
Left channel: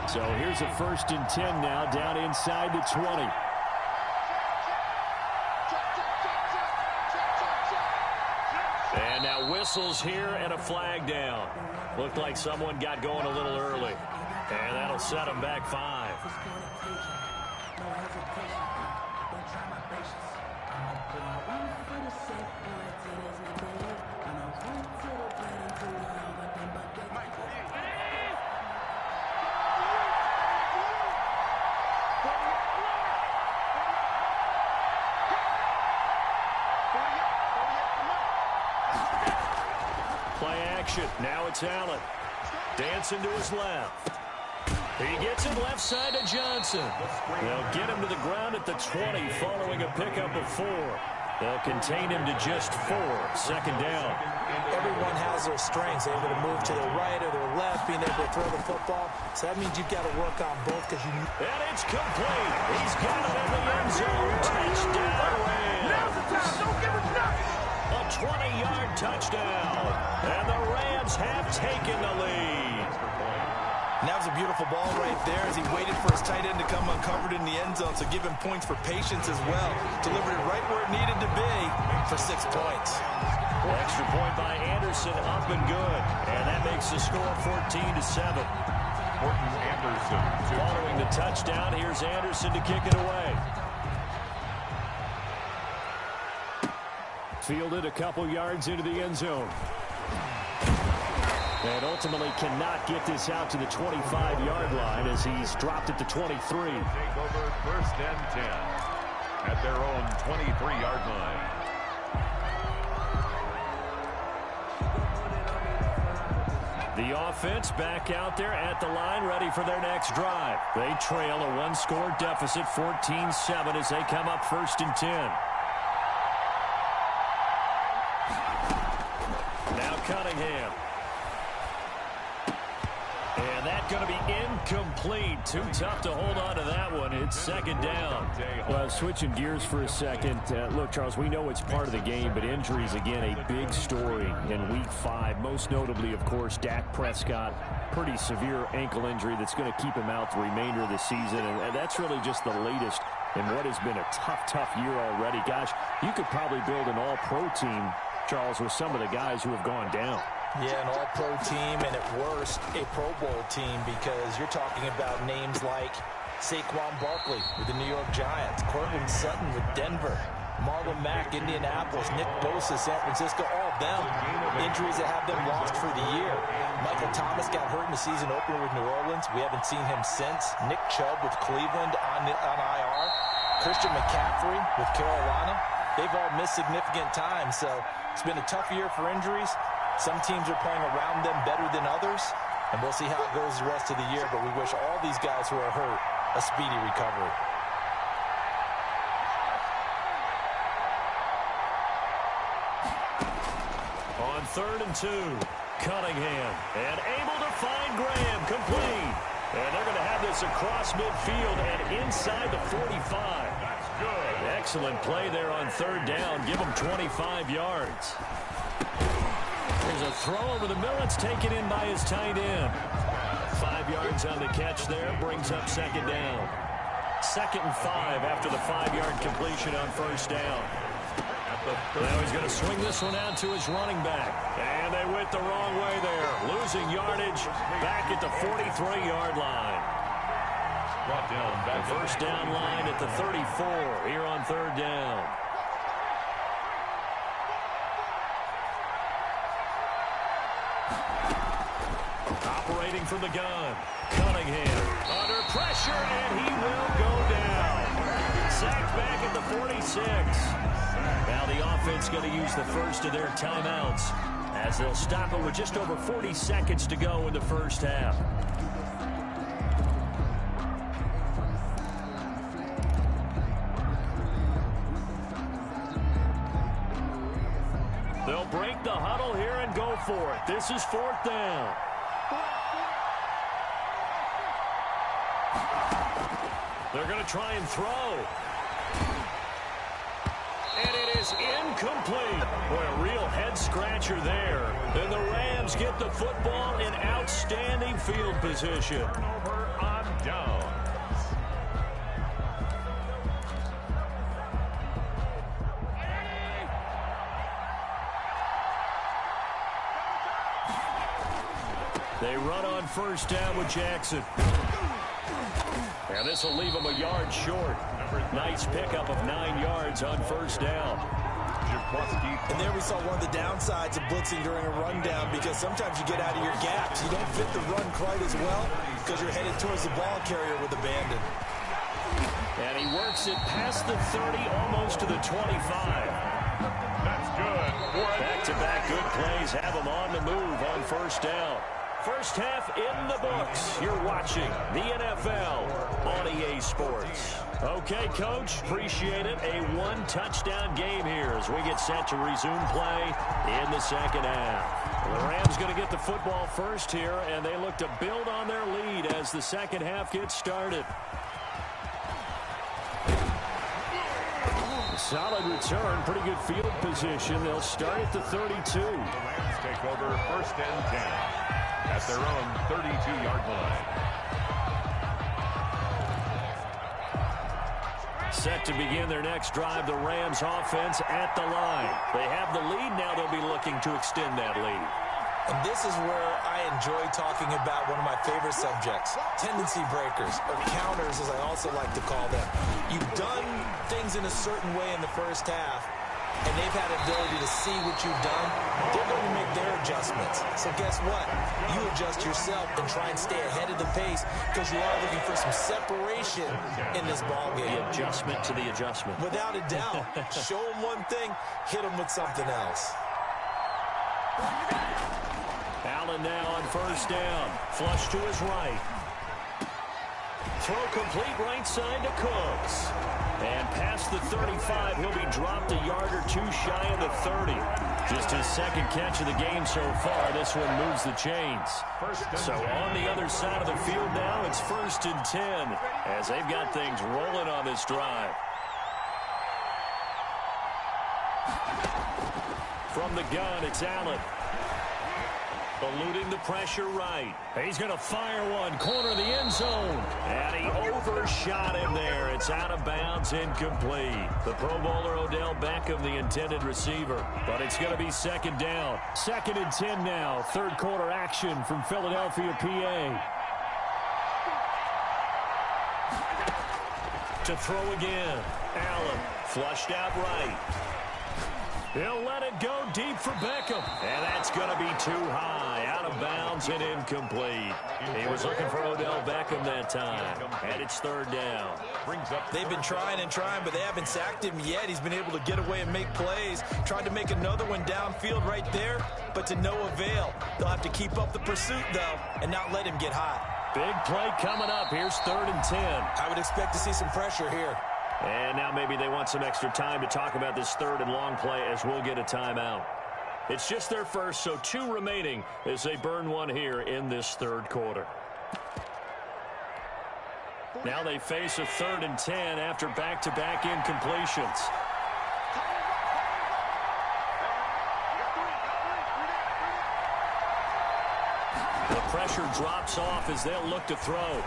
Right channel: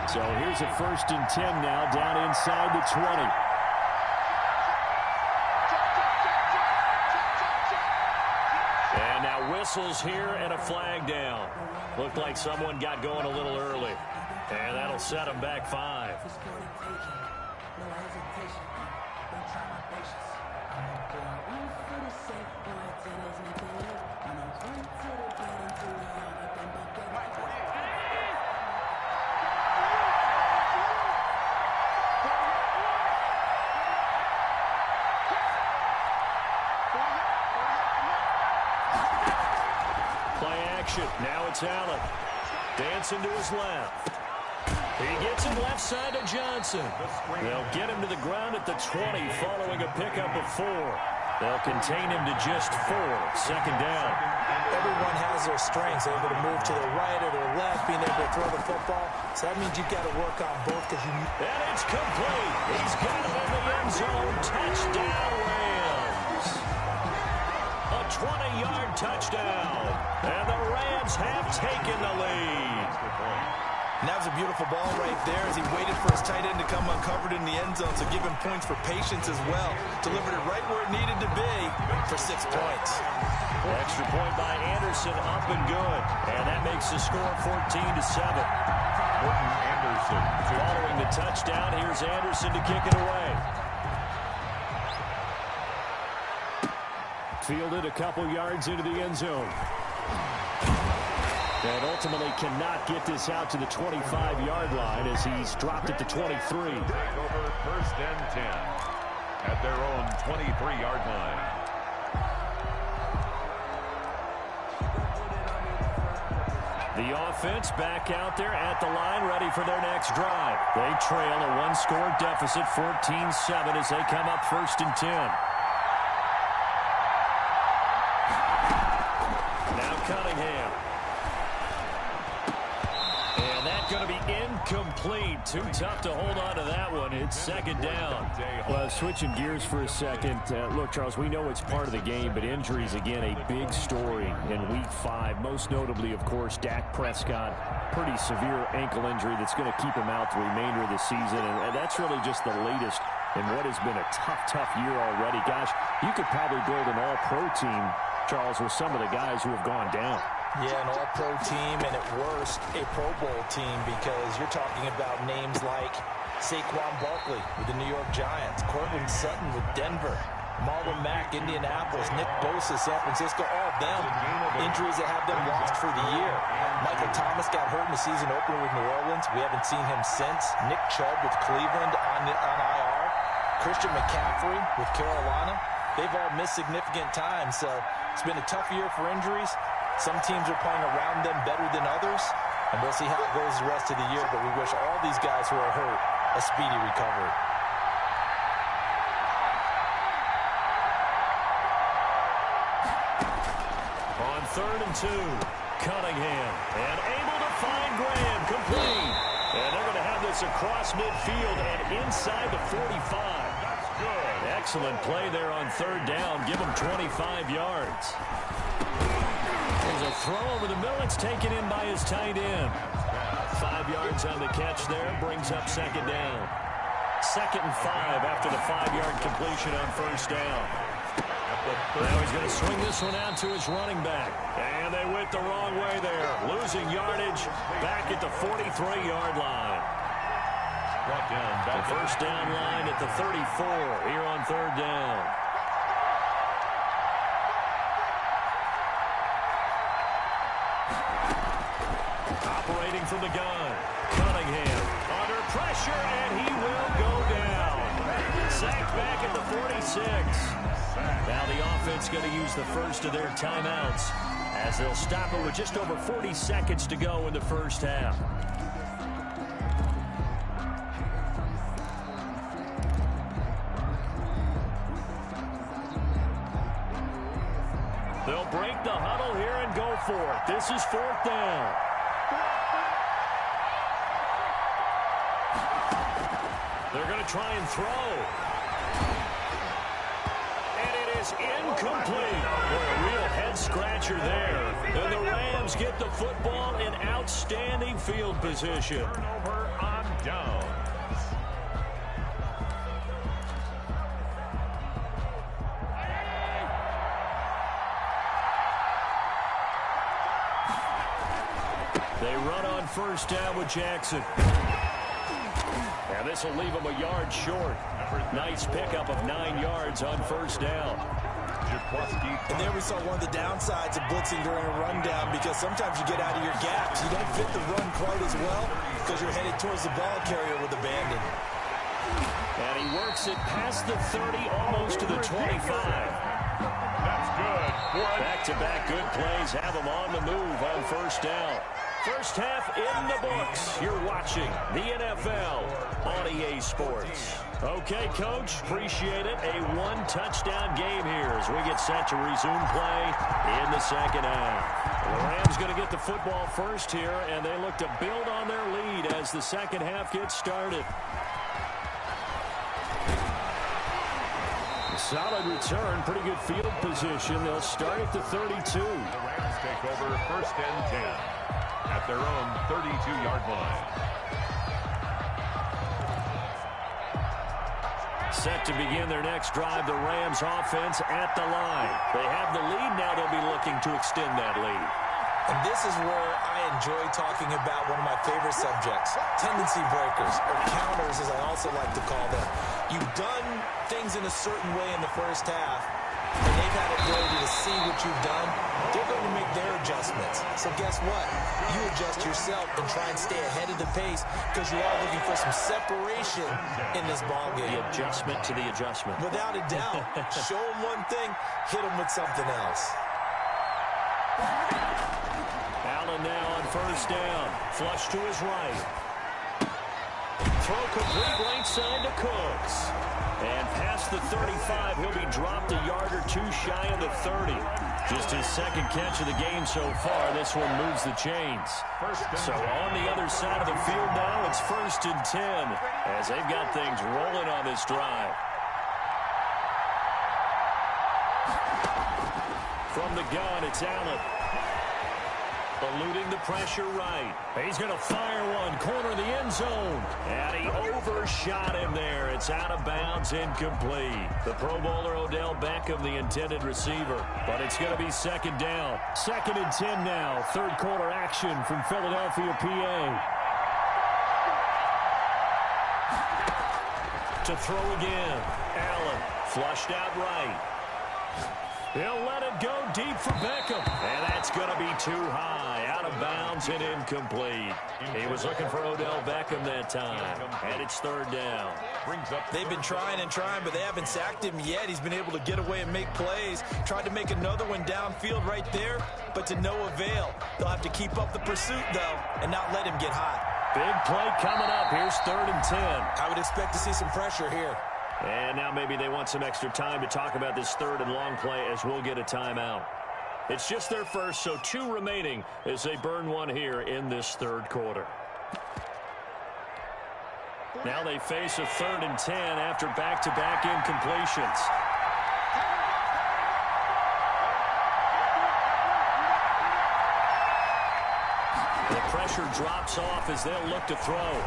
So here's a 1st and 10 now down inside the 20. And now whistles here and a flag down. Looked like someone got going a little early. And that'll set them back 5. Play action. Now it's Allen. Dancing to his left. He gets it left side to Johnson. They'll get him to the ground at the 20 following a pickup of 4. They'll contain him to just 4. Second down. Everyone has their strengths, able to move to their right or their left, being able to throw the football. So that means you've got to work on both because you need. And it's complete. He's got it in the end zone. Touchdown, Rams. A 20-yard touchdown. And the Rams have taken the lead. And that was a beautiful ball right there as he waited for his tight end to come uncovered in the end zone. So give him points for patience as well. Delivered it right where it needed to be for 6 points. Extra point by Anderson, up and good. And that makes the score 14-7. Morton Anderson. Following the touchdown, here's Anderson to kick it away. Fielded a couple yards into the end zone. And ultimately cannot get this out to the 25-yard line as he's dropped at the 23. Take over 1st and 10 at their own 23-yard line. The offense back out there at the line, ready for their next drive. They trail a one-score deficit, 14-7, as they come up 1st and 10. Now Cunningham. And that's going to be incomplete. Too tough to hold on to that one. It's second down. Well, switching gears for a second. Look, Charles, we know it's part of the game, but injuries, again, a big story in Week 5. Most notably, of course, Dak Prescott. Pretty severe ankle injury that's going to keep him out the remainder of the season. And that's really just the latest in what has been a tough year already. Gosh, you could probably build an all-pro team, Charles, with some of the guys who have gone down. Yeah, an all-pro team, and at worst, a Pro Bowl team, because you're talking about names like Saquon Barkley with the New York Giants, Cortland Sutton with Denver, Marlon Mack, Indianapolis, Nick Bosa, San Francisco, all of them injuries that have them lost for the year. Michael Thomas got hurt in the season opener with New Orleans. We haven't seen him since. Nick Chubb with Cleveland on IR. Christian McCaffrey with Carolina. They've all missed significant time, so it's been a tough year for injuries. Some teams are playing around them better than others, and we'll see how it goes the rest of the year, but we wish all these guys who are hurt a speedy recovery. On 3rd and 2, Cunningham, and able to find Graham, complete. And they're going to have this across midfield and inside the 45. That's good. Excellent play there on 3rd down. Give them 25 yards. There's a throw over the middle. It's taken in by his tight end. 5 yards on the catch there. Brings up 2nd down. 2nd and 5 after the 5-yard completion on 1st down. Now he's going to swing this one out to his running back. And they went the wrong way there. Losing yardage back at the 43-yard line. Brought down back. The 1st down line at the 34 here on 3rd down. Operating from the gun. Cunningham under pressure, and he will go down. Sacked back at the 46. Now the offense going to use the first of their timeouts as they'll stop it with just over 40 seconds to go in the first half. They'll break the huddle here and go for it. This is 4th down. They're going to try and throw. And it is incomplete. Boy, a real head-scratcher there. And the Rams get the football in outstanding field position. Turnover on downs. They run on 1st down with Jackson. And this will leave him a yard short. Nice pickup of 9 yards on 1st down. And there we saw one of the downsides of blitzing during a rundown, because sometimes you get out of your gaps. You don't fit the run quite as well because you're headed towards the ball carrier with abandon. And he works it past the 30, almost to the 25. That's good. Back-to-back good plays have him on the move on 1st down. First half in the books. You're watching the NFL on EA Sports. Okay, Coach, appreciate it. A one-touchdown game here as we get set to resume play in the second half. The Rams going to get the football first here, and they look to build on their lead as the second half gets started. Solid return, pretty good field position. They'll start at the 32. The Rams take over first and 10 at their own 32-yard line. Set to begin their next drive, the Rams offense at the line. They have the lead, now they'll be looking to extend that lead. And this is where I enjoy talking about one of my favorite subjects, tendency breakers, or counters as I also like to call them. You've done things in a certain way in the first half, and they've had the ability to see what you've done. They're going to make their adjustments. So guess what? You adjust yourself and try and stay ahead of the pace because you are looking for some separation in this ballgame. The adjustment to the adjustment. Without a doubt. Show them one thing, hit them with something else. Allen now on first down. Flush to his right. Throw complete right side to Cooks. And past the 35, he'll be dropped a yard or two shy of the 30. Just his second catch of the game so far. This one moves the chains. So on the other side of the field now, it's first and 10 as they've got things rolling on this drive. From the gun, it's Allen. Eluding the pressure right. He's going to fire one. Corner of the end zone. And he overshot him there. It's out of bounds, incomplete. The Pro Bowler Odell Beckham, the intended receiver. But it's going to be second down. Second and 10 now. Third quarter action from Philadelphia, PA. To throw again. Allen flushed out right. He'll let it go deep for Beckham. And that's going to be too high. Out of bounds and incomplete. He was looking for Odell Beckham that time. And it's third down. They've been trying and trying, but they haven't sacked him yet. He's been able to get away and make plays. Tried to make another one downfield right there, but to no avail. They'll have to keep up the pursuit, though, and not let him get hot. Big play coming up. Here's third and 10. I would expect to see some pressure here. And now maybe they want some extra time to talk about this third and long play as we'll get a timeout. It's just their first, so 2 remaining as they burn one here in this third quarter. Now they face a third and 10 after back-to-back incompletions. The pressure drops off as they'll look to throw.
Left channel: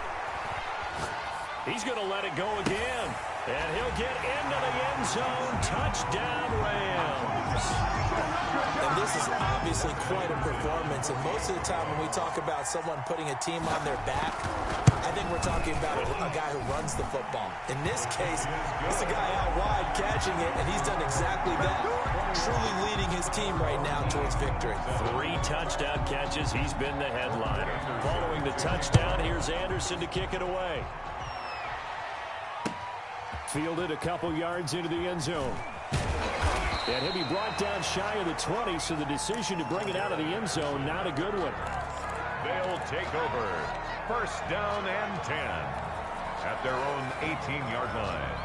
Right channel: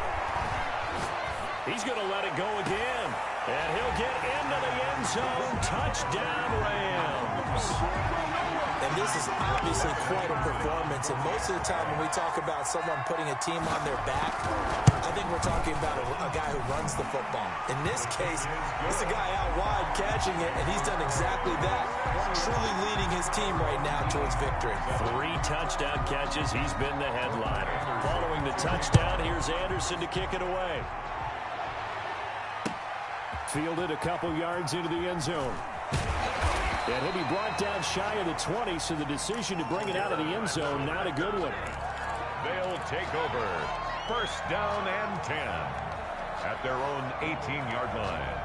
He's going to let it go again. And he'll get into the end zone. Touchdown, Rams. And this is obviously quite a performance. And most of the time when we talk about someone putting a team on their back, I think we're talking about a guy who runs the football. In this case, it's a guy out wide catching it, and he's done exactly that. Truly leading his team right now towards victory. 3 touchdown catches. He's been the headliner. Following the touchdown, here's Anderson to kick it away. Fielded a couple yards into the end zone. And he'll be brought down shy of the 20, so the decision to bring it out of the end zone, not a good one. They'll take over first down and 10 at their own 18-yard line.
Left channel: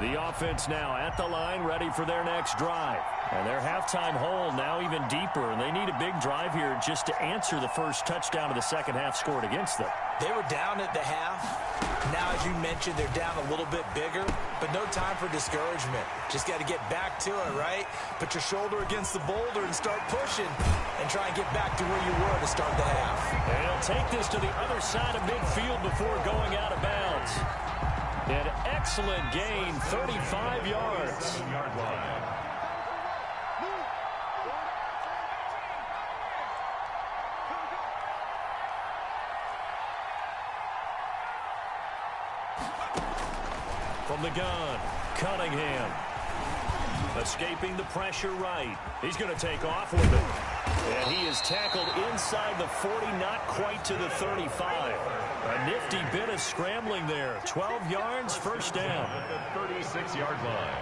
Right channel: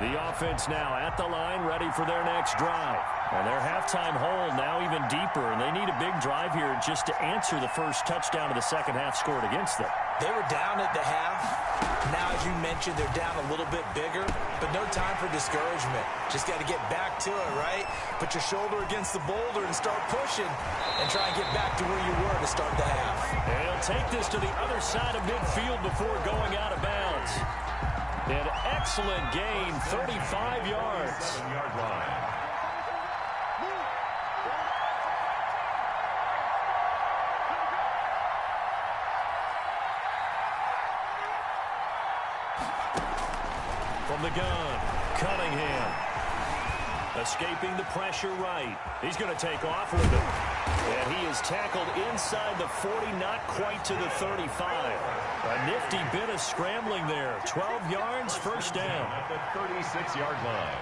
The offense now at the line, ready for their next drive. And their halftime hole now even deeper, and they need a big drive here just to answer the first touchdown of the second half scored against them. They were down at the half. Now, as you mentioned, they're down a little bit bigger, but no time for discouragement. Just got to get back to it, right? Put your shoulder against the boulder and start pushing and try and get back to where you were to start the half. And he'll take this to the other side of midfield before going out of bounds. An excellent gain, 35 yards. 7-yard line. From the gun, Cunningham. Escaping the pressure right. He's going to take off with it. And he is tackled inside the 40, not quite to the 35. A nifty bit of scrambling there. 12 yards, first down. At the 36-yard line.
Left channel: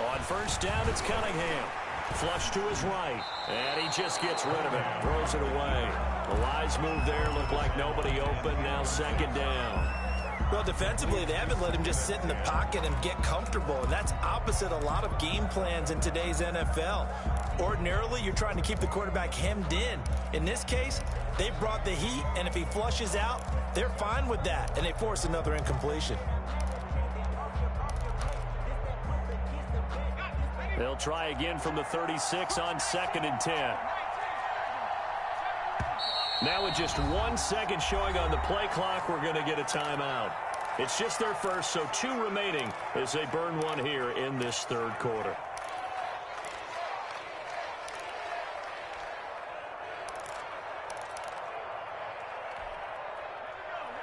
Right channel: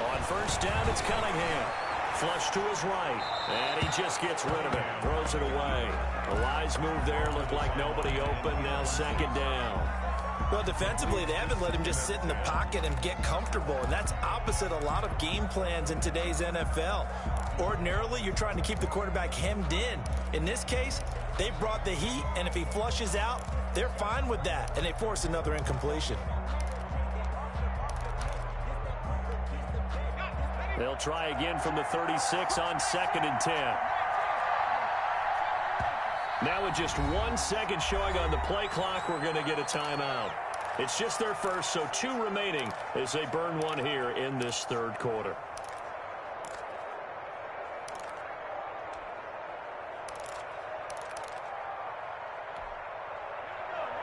On first down, it's Cunningham. Flush to his right, and he just gets rid of it. Throws it away. The wise move there. Looked like nobody open. Now second down. Well, defensively, they haven't let him just sit in the pocket and get comfortable, and that's opposite a lot of game plans in today's NFL. Ordinarily, you're trying to keep the quarterback hemmed in. In this case, they brought the heat, and if he flushes out, they're fine with that, and they force another incompletion. They'll try again from the 36 on 2nd and 10. Now with just 1 second showing on the play clock, we're going to get a timeout. It's just their first, so 2 remaining as they burn one here in this third quarter.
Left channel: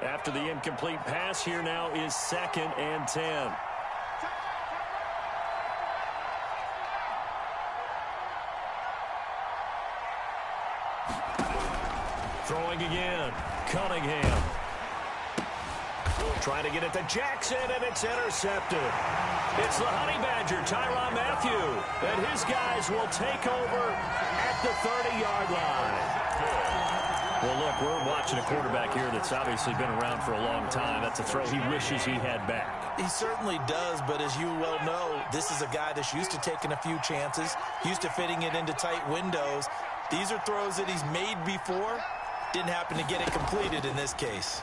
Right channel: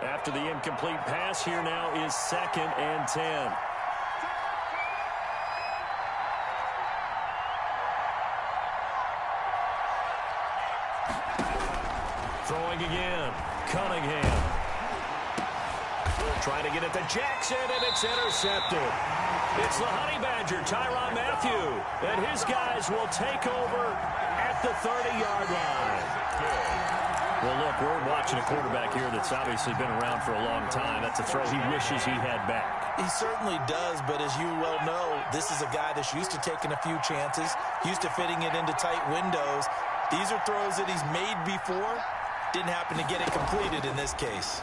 After the incomplete pass, here now is 2nd and 10. Throwing again, Cunningham. Trying to get it to Jackson, and it's intercepted. It's the Honey Badger, Tyrann Mathieu, and his guys will take over at the 30-yard line. Well, look, we're watching a quarterback here that's obviously been around for a long time. That's a throw he wishes he had back. He certainly does, but as you well know, this is a guy that's used to taking a few chances, used to fitting it into tight windows. These are throws that he's made before. Didn't happen to get it completed in this case.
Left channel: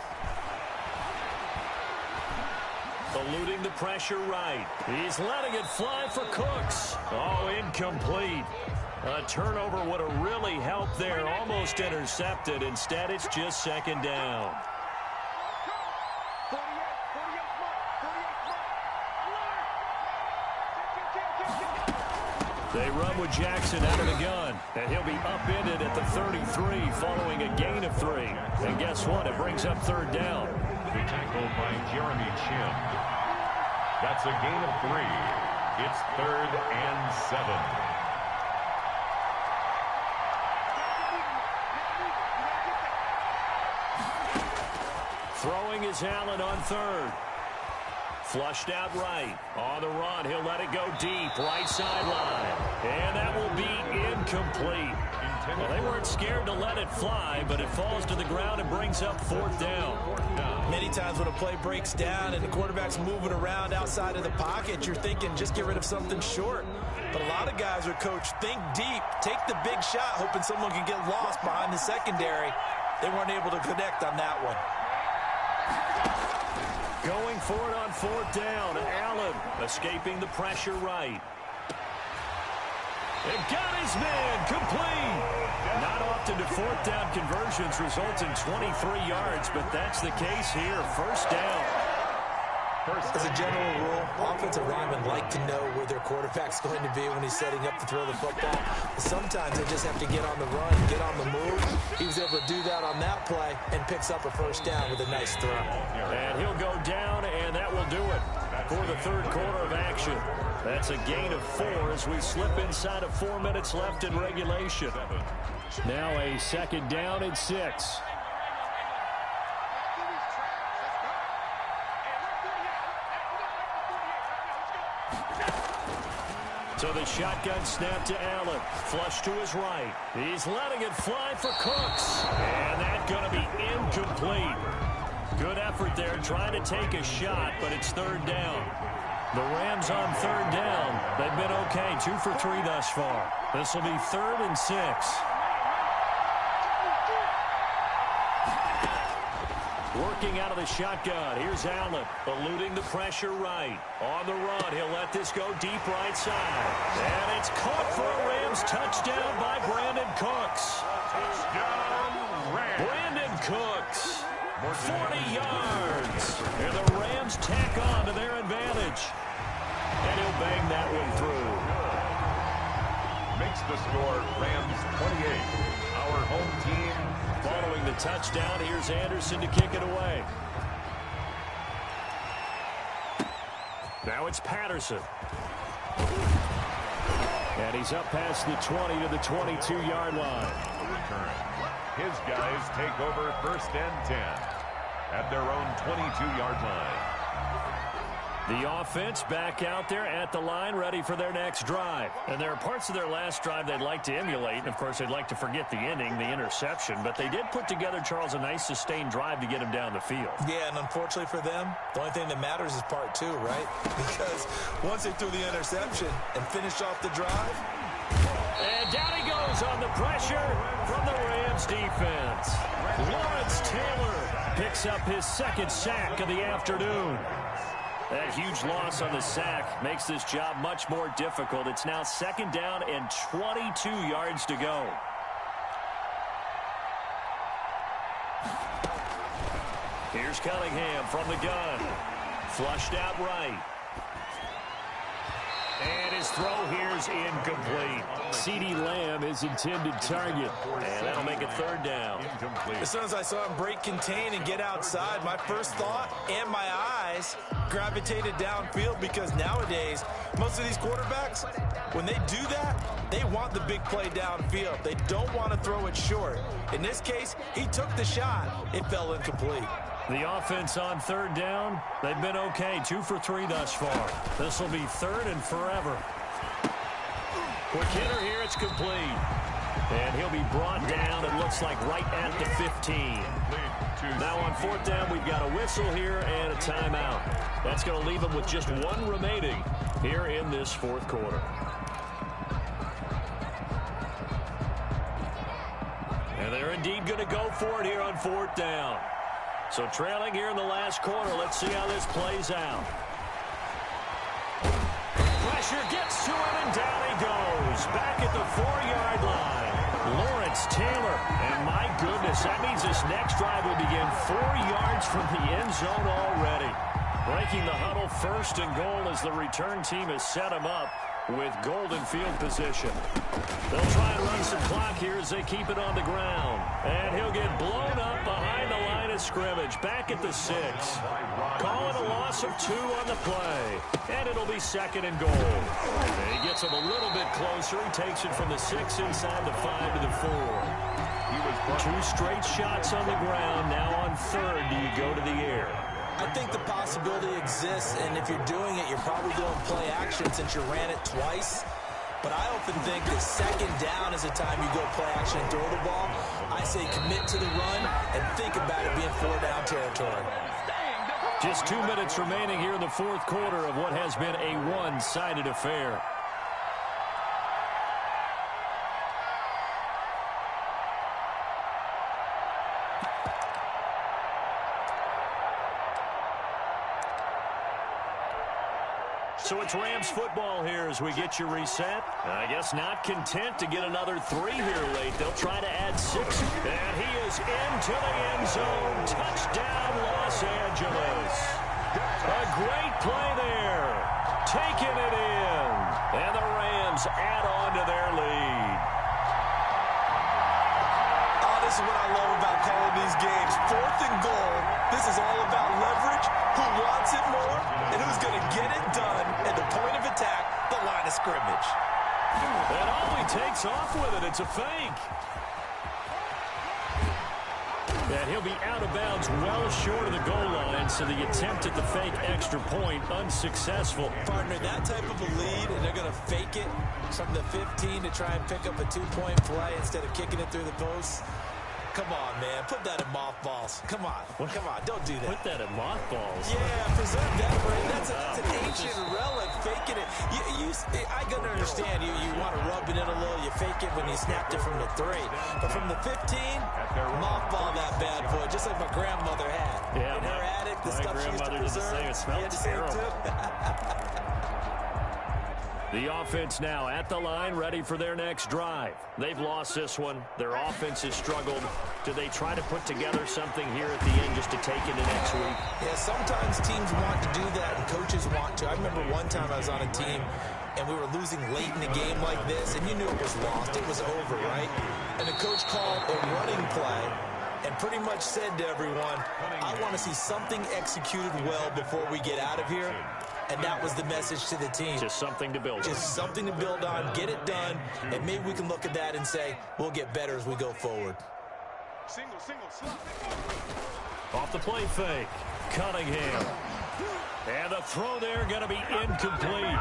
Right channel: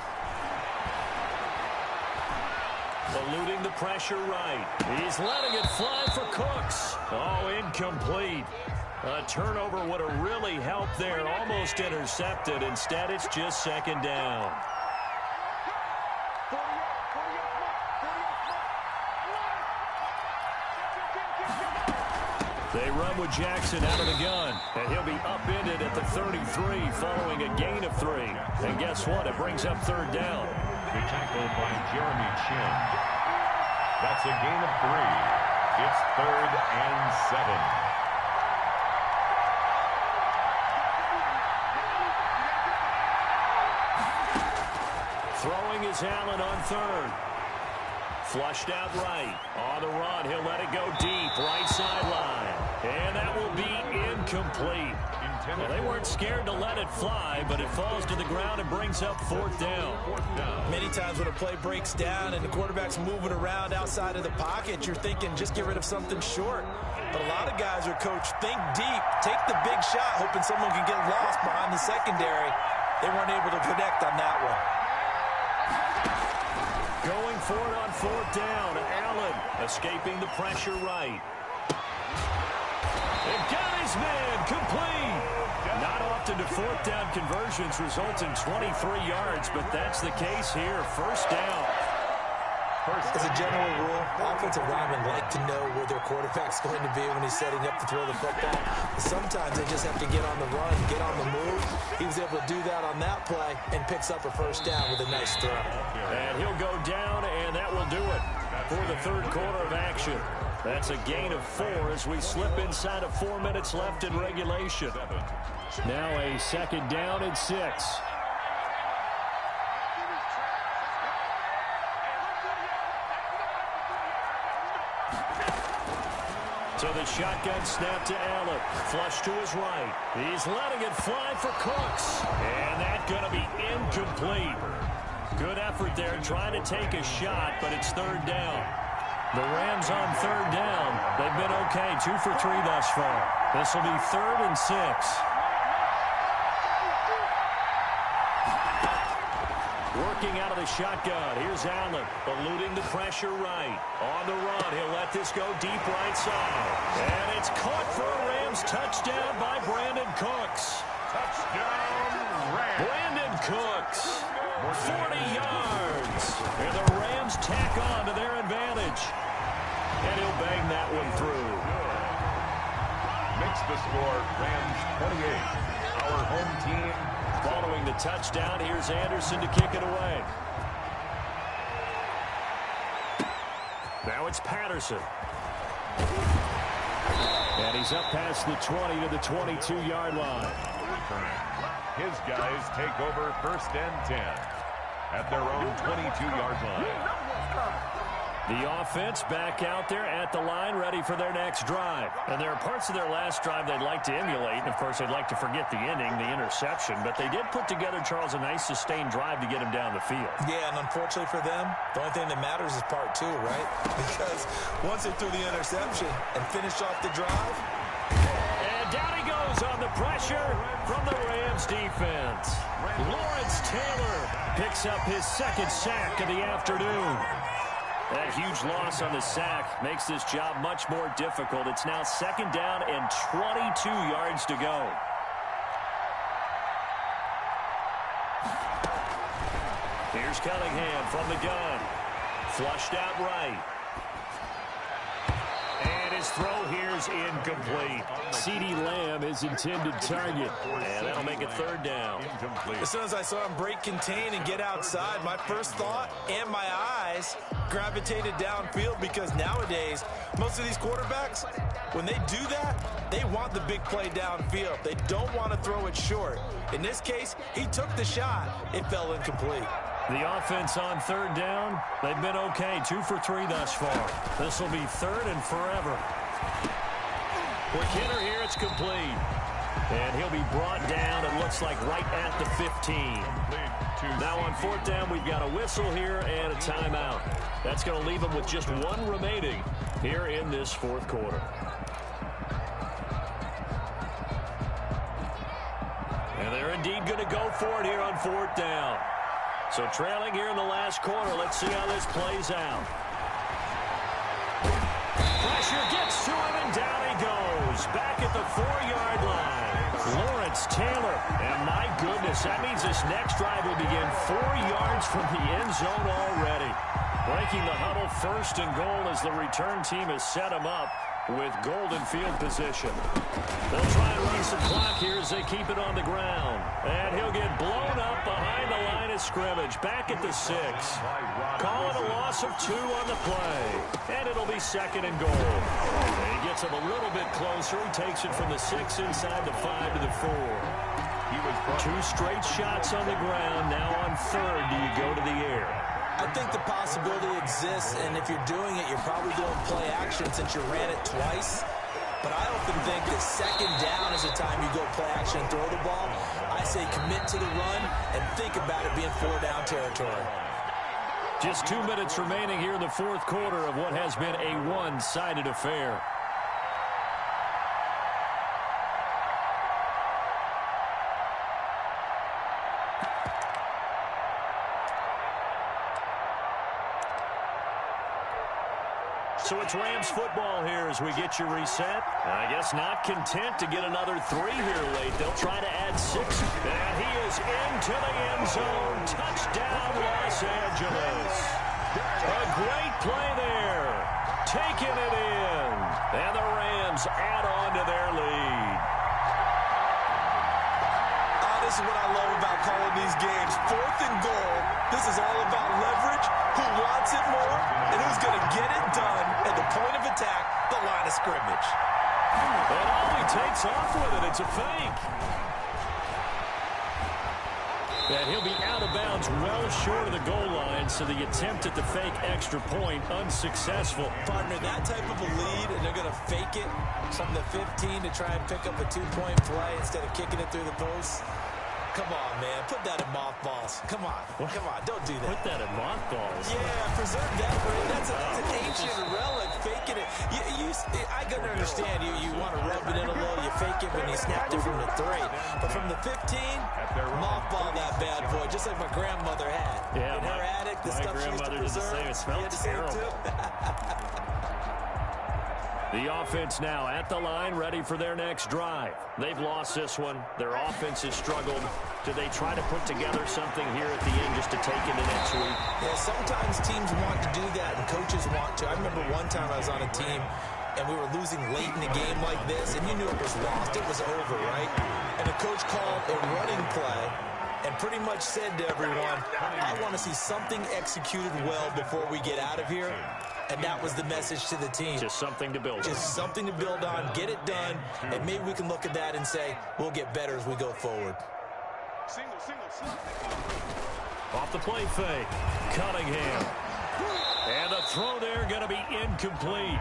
Eluding the pressure right. He's letting it fly for Cooks. Oh, incomplete. A turnover would have really helped there. Almost intercepted. Instead, it's just second down. They run with Jackson out of the gun, and he'll be upended at the 33 following a gain of 3. And guess what? It brings up third down. The tackle by Jeremy Chin. That's a gain of 3. It's 3rd and 7. Throwing is Allen on 3rd. Flushed out right. On the run, he'll let it go deep. Right sideline. And that will be incomplete. Well, they weren't scared to let it fly, but it falls to the ground and brings up 4th down. Many times when a play breaks down and the quarterback's moving around outside of the pocket, you're thinking just get rid of something short. But a lot of guys are coached, think deep, take the big shot, hoping someone can get lost behind the secondary. They weren't able to connect on that one. Going for it on 4th down. Allen escaping the pressure right. And got his man complete. Not often do 4th down conversions result in 23 yards, but that's the case here. First down. As a general rule, offensive linemen like to know where their quarterback's going to be when he's setting up to throw the football. Sometimes they just have to get on the run, get on the move. He was able to do that on that play and picks up a first down with a nice throw. And he'll go down, and that will do it for the third quarter of action. That's a gain of 4 as we slip inside of 4 minutes left in regulation. Now a second down and 6. So the shotgun snap to Allen. Flush to his right. He's letting it fly for Cooks. And that's going to be incomplete. Good effort there trying to take a shot, but it's third down. The Rams on third down. They've been okay, 2 for 3 thus far. This will be 3rd and 6. Working out of the shotgun. Here's Allen, eluding the pressure right. On the run, he'll let this go deep right side. And it's caught for a Rams touchdown by Brandon Cooks. Touchdown, Rams. Brandon Cooks, 40 yards. And the Rams tack on to their advantage. And he'll bang that one through. Makes the score Rams 28. Our home team. Following the touchdown, here's Anderson to kick it away. Now it's Patterson. And he's up past the 20 to the 22-yard line. His guys take over 1st and 10 at their own 22-yard line. The offense back out there at the line, ready for their next drive. And there are parts of their last drive they'd like to emulate. And, of course, they'd like to forget the ending, the interception. But they did put together, Charles, a nice sustained drive to get him down the field. Yeah, and unfortunately for them, the only thing that matters is part 2, right? Because once they threw the interception and finished off the drive. And down he goes on the pressure from the Rams defense. Lawrence Taylor picks up his second sack of the afternoon. That huge loss on the sack makes this job much more difficult. It's now 2nd down and 22 yards to go. Here's Cunningham from the gun. Flushed out right. And his throw here's incomplete. CeeDee Lamb is intended target. And that'll make it 3rd down. As soon as I saw him break contain and get outside, my first thought and my eyes gravitated downfield, because nowadays, most of these quarterbacks, when they do that, they want the big play downfield. They don't want to throw it short. In this case, he took the shot. It fell incomplete. The offense on 3rd down, they've been okay. 2 for 3 thus far. This will be 3rd and forever. Quick hitter here, it's complete. And he'll be brought down, it looks like, right at the 15. Now on 4th down, we've got a whistle here and a timeout. That's going to leave them with just 1 remaining here in this 4th quarter. And they're indeed going to go for it here on 4th down. So trailing here in the last quarter. Let's see how this plays out. Pressure gets to him, and down he goes. Back at the 4-yard line. Lawrence Taylor. And my goodness, that means this next drive will begin 4 yards from the end zone already. Breaking the huddle, 1st and goal, as the return team has set him up with golden field position. They'll try and run some clock here as they keep it on the ground. And he'll get blown up behind the line of scrimmage. Back at the 6. Call it a loss of 2 on the play. And it'll be 2nd and goal. And he gets him a little bit closer. He takes it from the 6 inside the 5 to the 4. He was 2 straight shots on the ground. Now on 3rd, do you go to the air? I think the possibility exists, and if you're doing it, you're probably doing play action since you ran it twice. But I often think that 2nd down is the time you go play action and throw the ball. I say commit to the run and think about it being 4-down territory. Just 2 minutes remaining here in the 4th quarter of what has been a one-sided affair. So it's Rams football here as we get you reset. I guess not content to get another 3 here late. They'll try to add 6. And he is into the end zone. Touchdown, Los Angeles. A great play there. Taking it in. And the Rams add on to their lead. This is what I love about calling these games. 4th and goal. This is all about leverage, who wants it more, and who's going to get it done at the point of attack, the line of scrimmage. And all he takes off with it, it's a fake. And he'll be out of bounds well short of the goal line, so the attempt at the fake extra point unsuccessful. Partner, that type of a lead, and they're going to fake it from the 15 to try and pick up a 2-point play instead of kicking it through the post. Come on, man. Put that in mothballs. Come on. What? Come on. Don't do that. Put that in mothballs. Yeah, preserve that. That's an ancient relic. Faking it. I can understand you want to rub it in a little. You fake it when you snapped it from the 3. But from the 15, mothball that bad boy, just like my grandmother had. Yeah, in her attic, the stuff she used to preserve. It smelled terrible. The offense now at the line, ready for their next drive. They've lost this one. Their offense has struggled. Do they try to put together something here at the end just to take into next week? Yeah, sometimes teams want to do that and coaches want to. I remember one time I was on a team and we were losing late in a game like this, and you knew it was lost. It was over, right? And the coach called a running play and pretty much said to everyone, I want to see something executed well before we get out of here. And that was the message to the team. Just something to build on. Just something to build on, get it done, and maybe we can look at that and say, we'll get better as we go forward. Off the play fake. Cunningham. And the throw there going to be incomplete.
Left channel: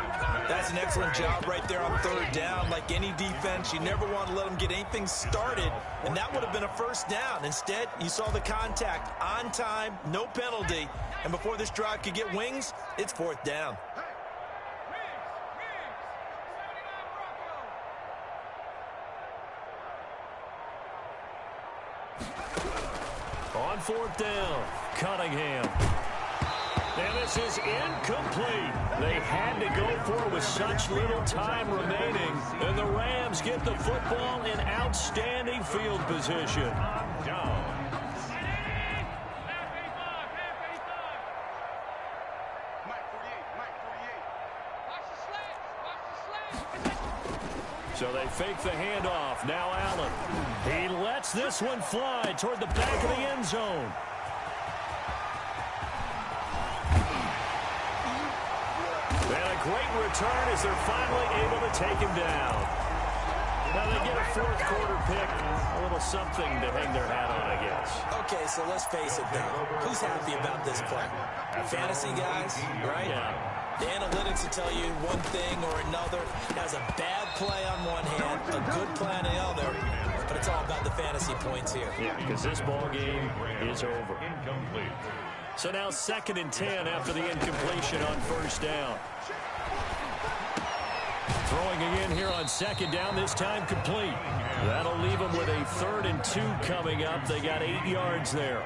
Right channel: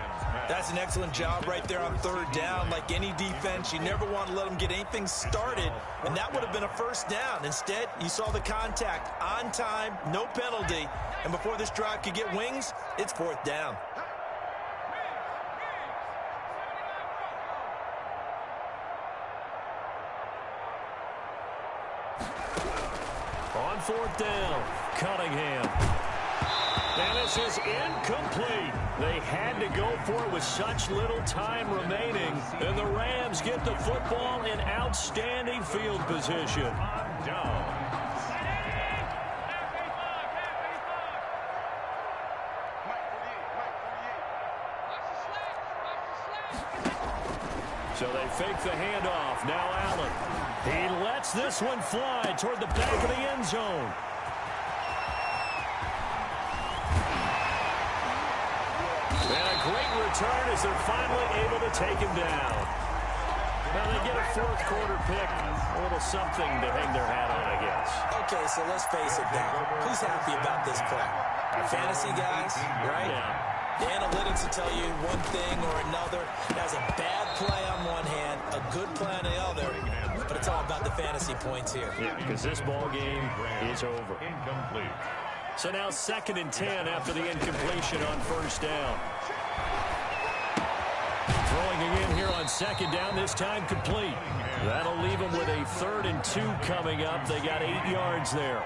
That's an excellent job right there on third down. Like any defense, you never want to let them get anything started, and that would have been a first down. Instead, you saw the contact on time, no penalty, and before this drive could get wings, it's fourth down. On fourth down, Cunningham. And this is incomplete. They had to go for it with such little time remaining. And the Rams get the football in outstanding field position. Down. So they fake the handoff. Now Allen. He lets this one fly toward the back of the end zone. And a great return as they're finally able to take him down. Now they get a fourth quarter pick. A little something to hang their hat on, I guess. Okay, so let's face it now. Who's happy about this play? Fantasy guys, right? Yeah. The analytics will tell you one thing or another. That's a bad play on one hand, a good play on the other. But it's all about the fantasy points here. Yeah, because this ball game is over. Incomplete. So now 2nd and 10 after the incompletion on first down. Throwing again here on 2nd down, this time complete. That'll leave them with a 3rd and 2 coming up. They got 8 yards there.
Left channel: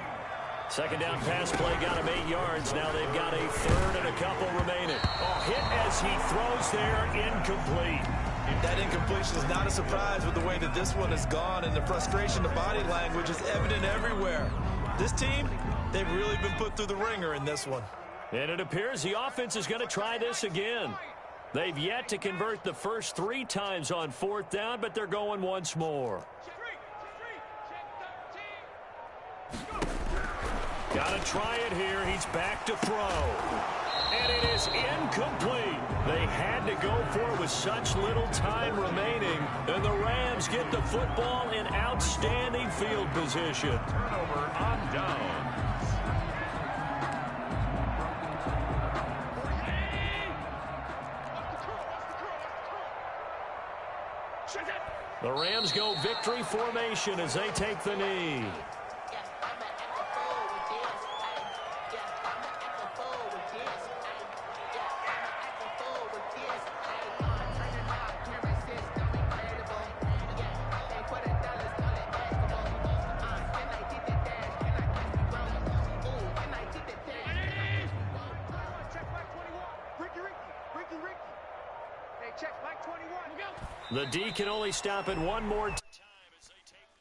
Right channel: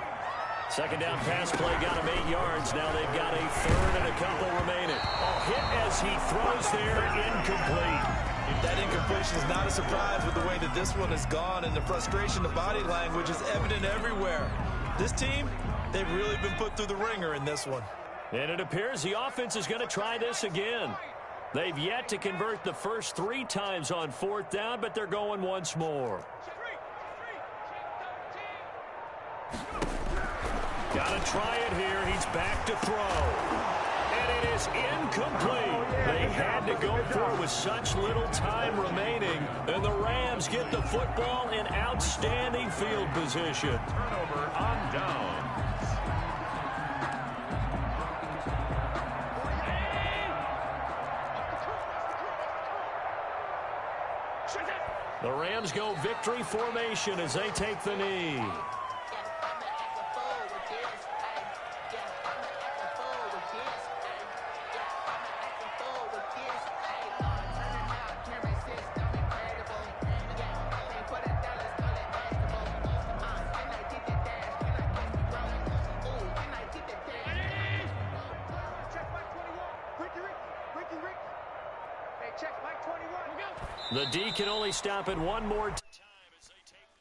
2nd down pass play got them 8 yards. Now they've got a 3rd and a couple remaining. Oh, hit as he throws there, incomplete. That incompletion is not a surprise with the way that this one has gone, and the frustration, the body language is evident everywhere. This team, they've really been put through the ringer in this one. And it appears the offense is going to try this again. They've yet to convert the first 3 times on 4th down, but they're going once more. Got to try it here. He's back to throw. And it is incomplete. They had to go for it with such little time remaining. And the Rams get the football in outstanding field position. Turnover on down. The Rams go victory formation as they take the knee. The D can only stop it one more time.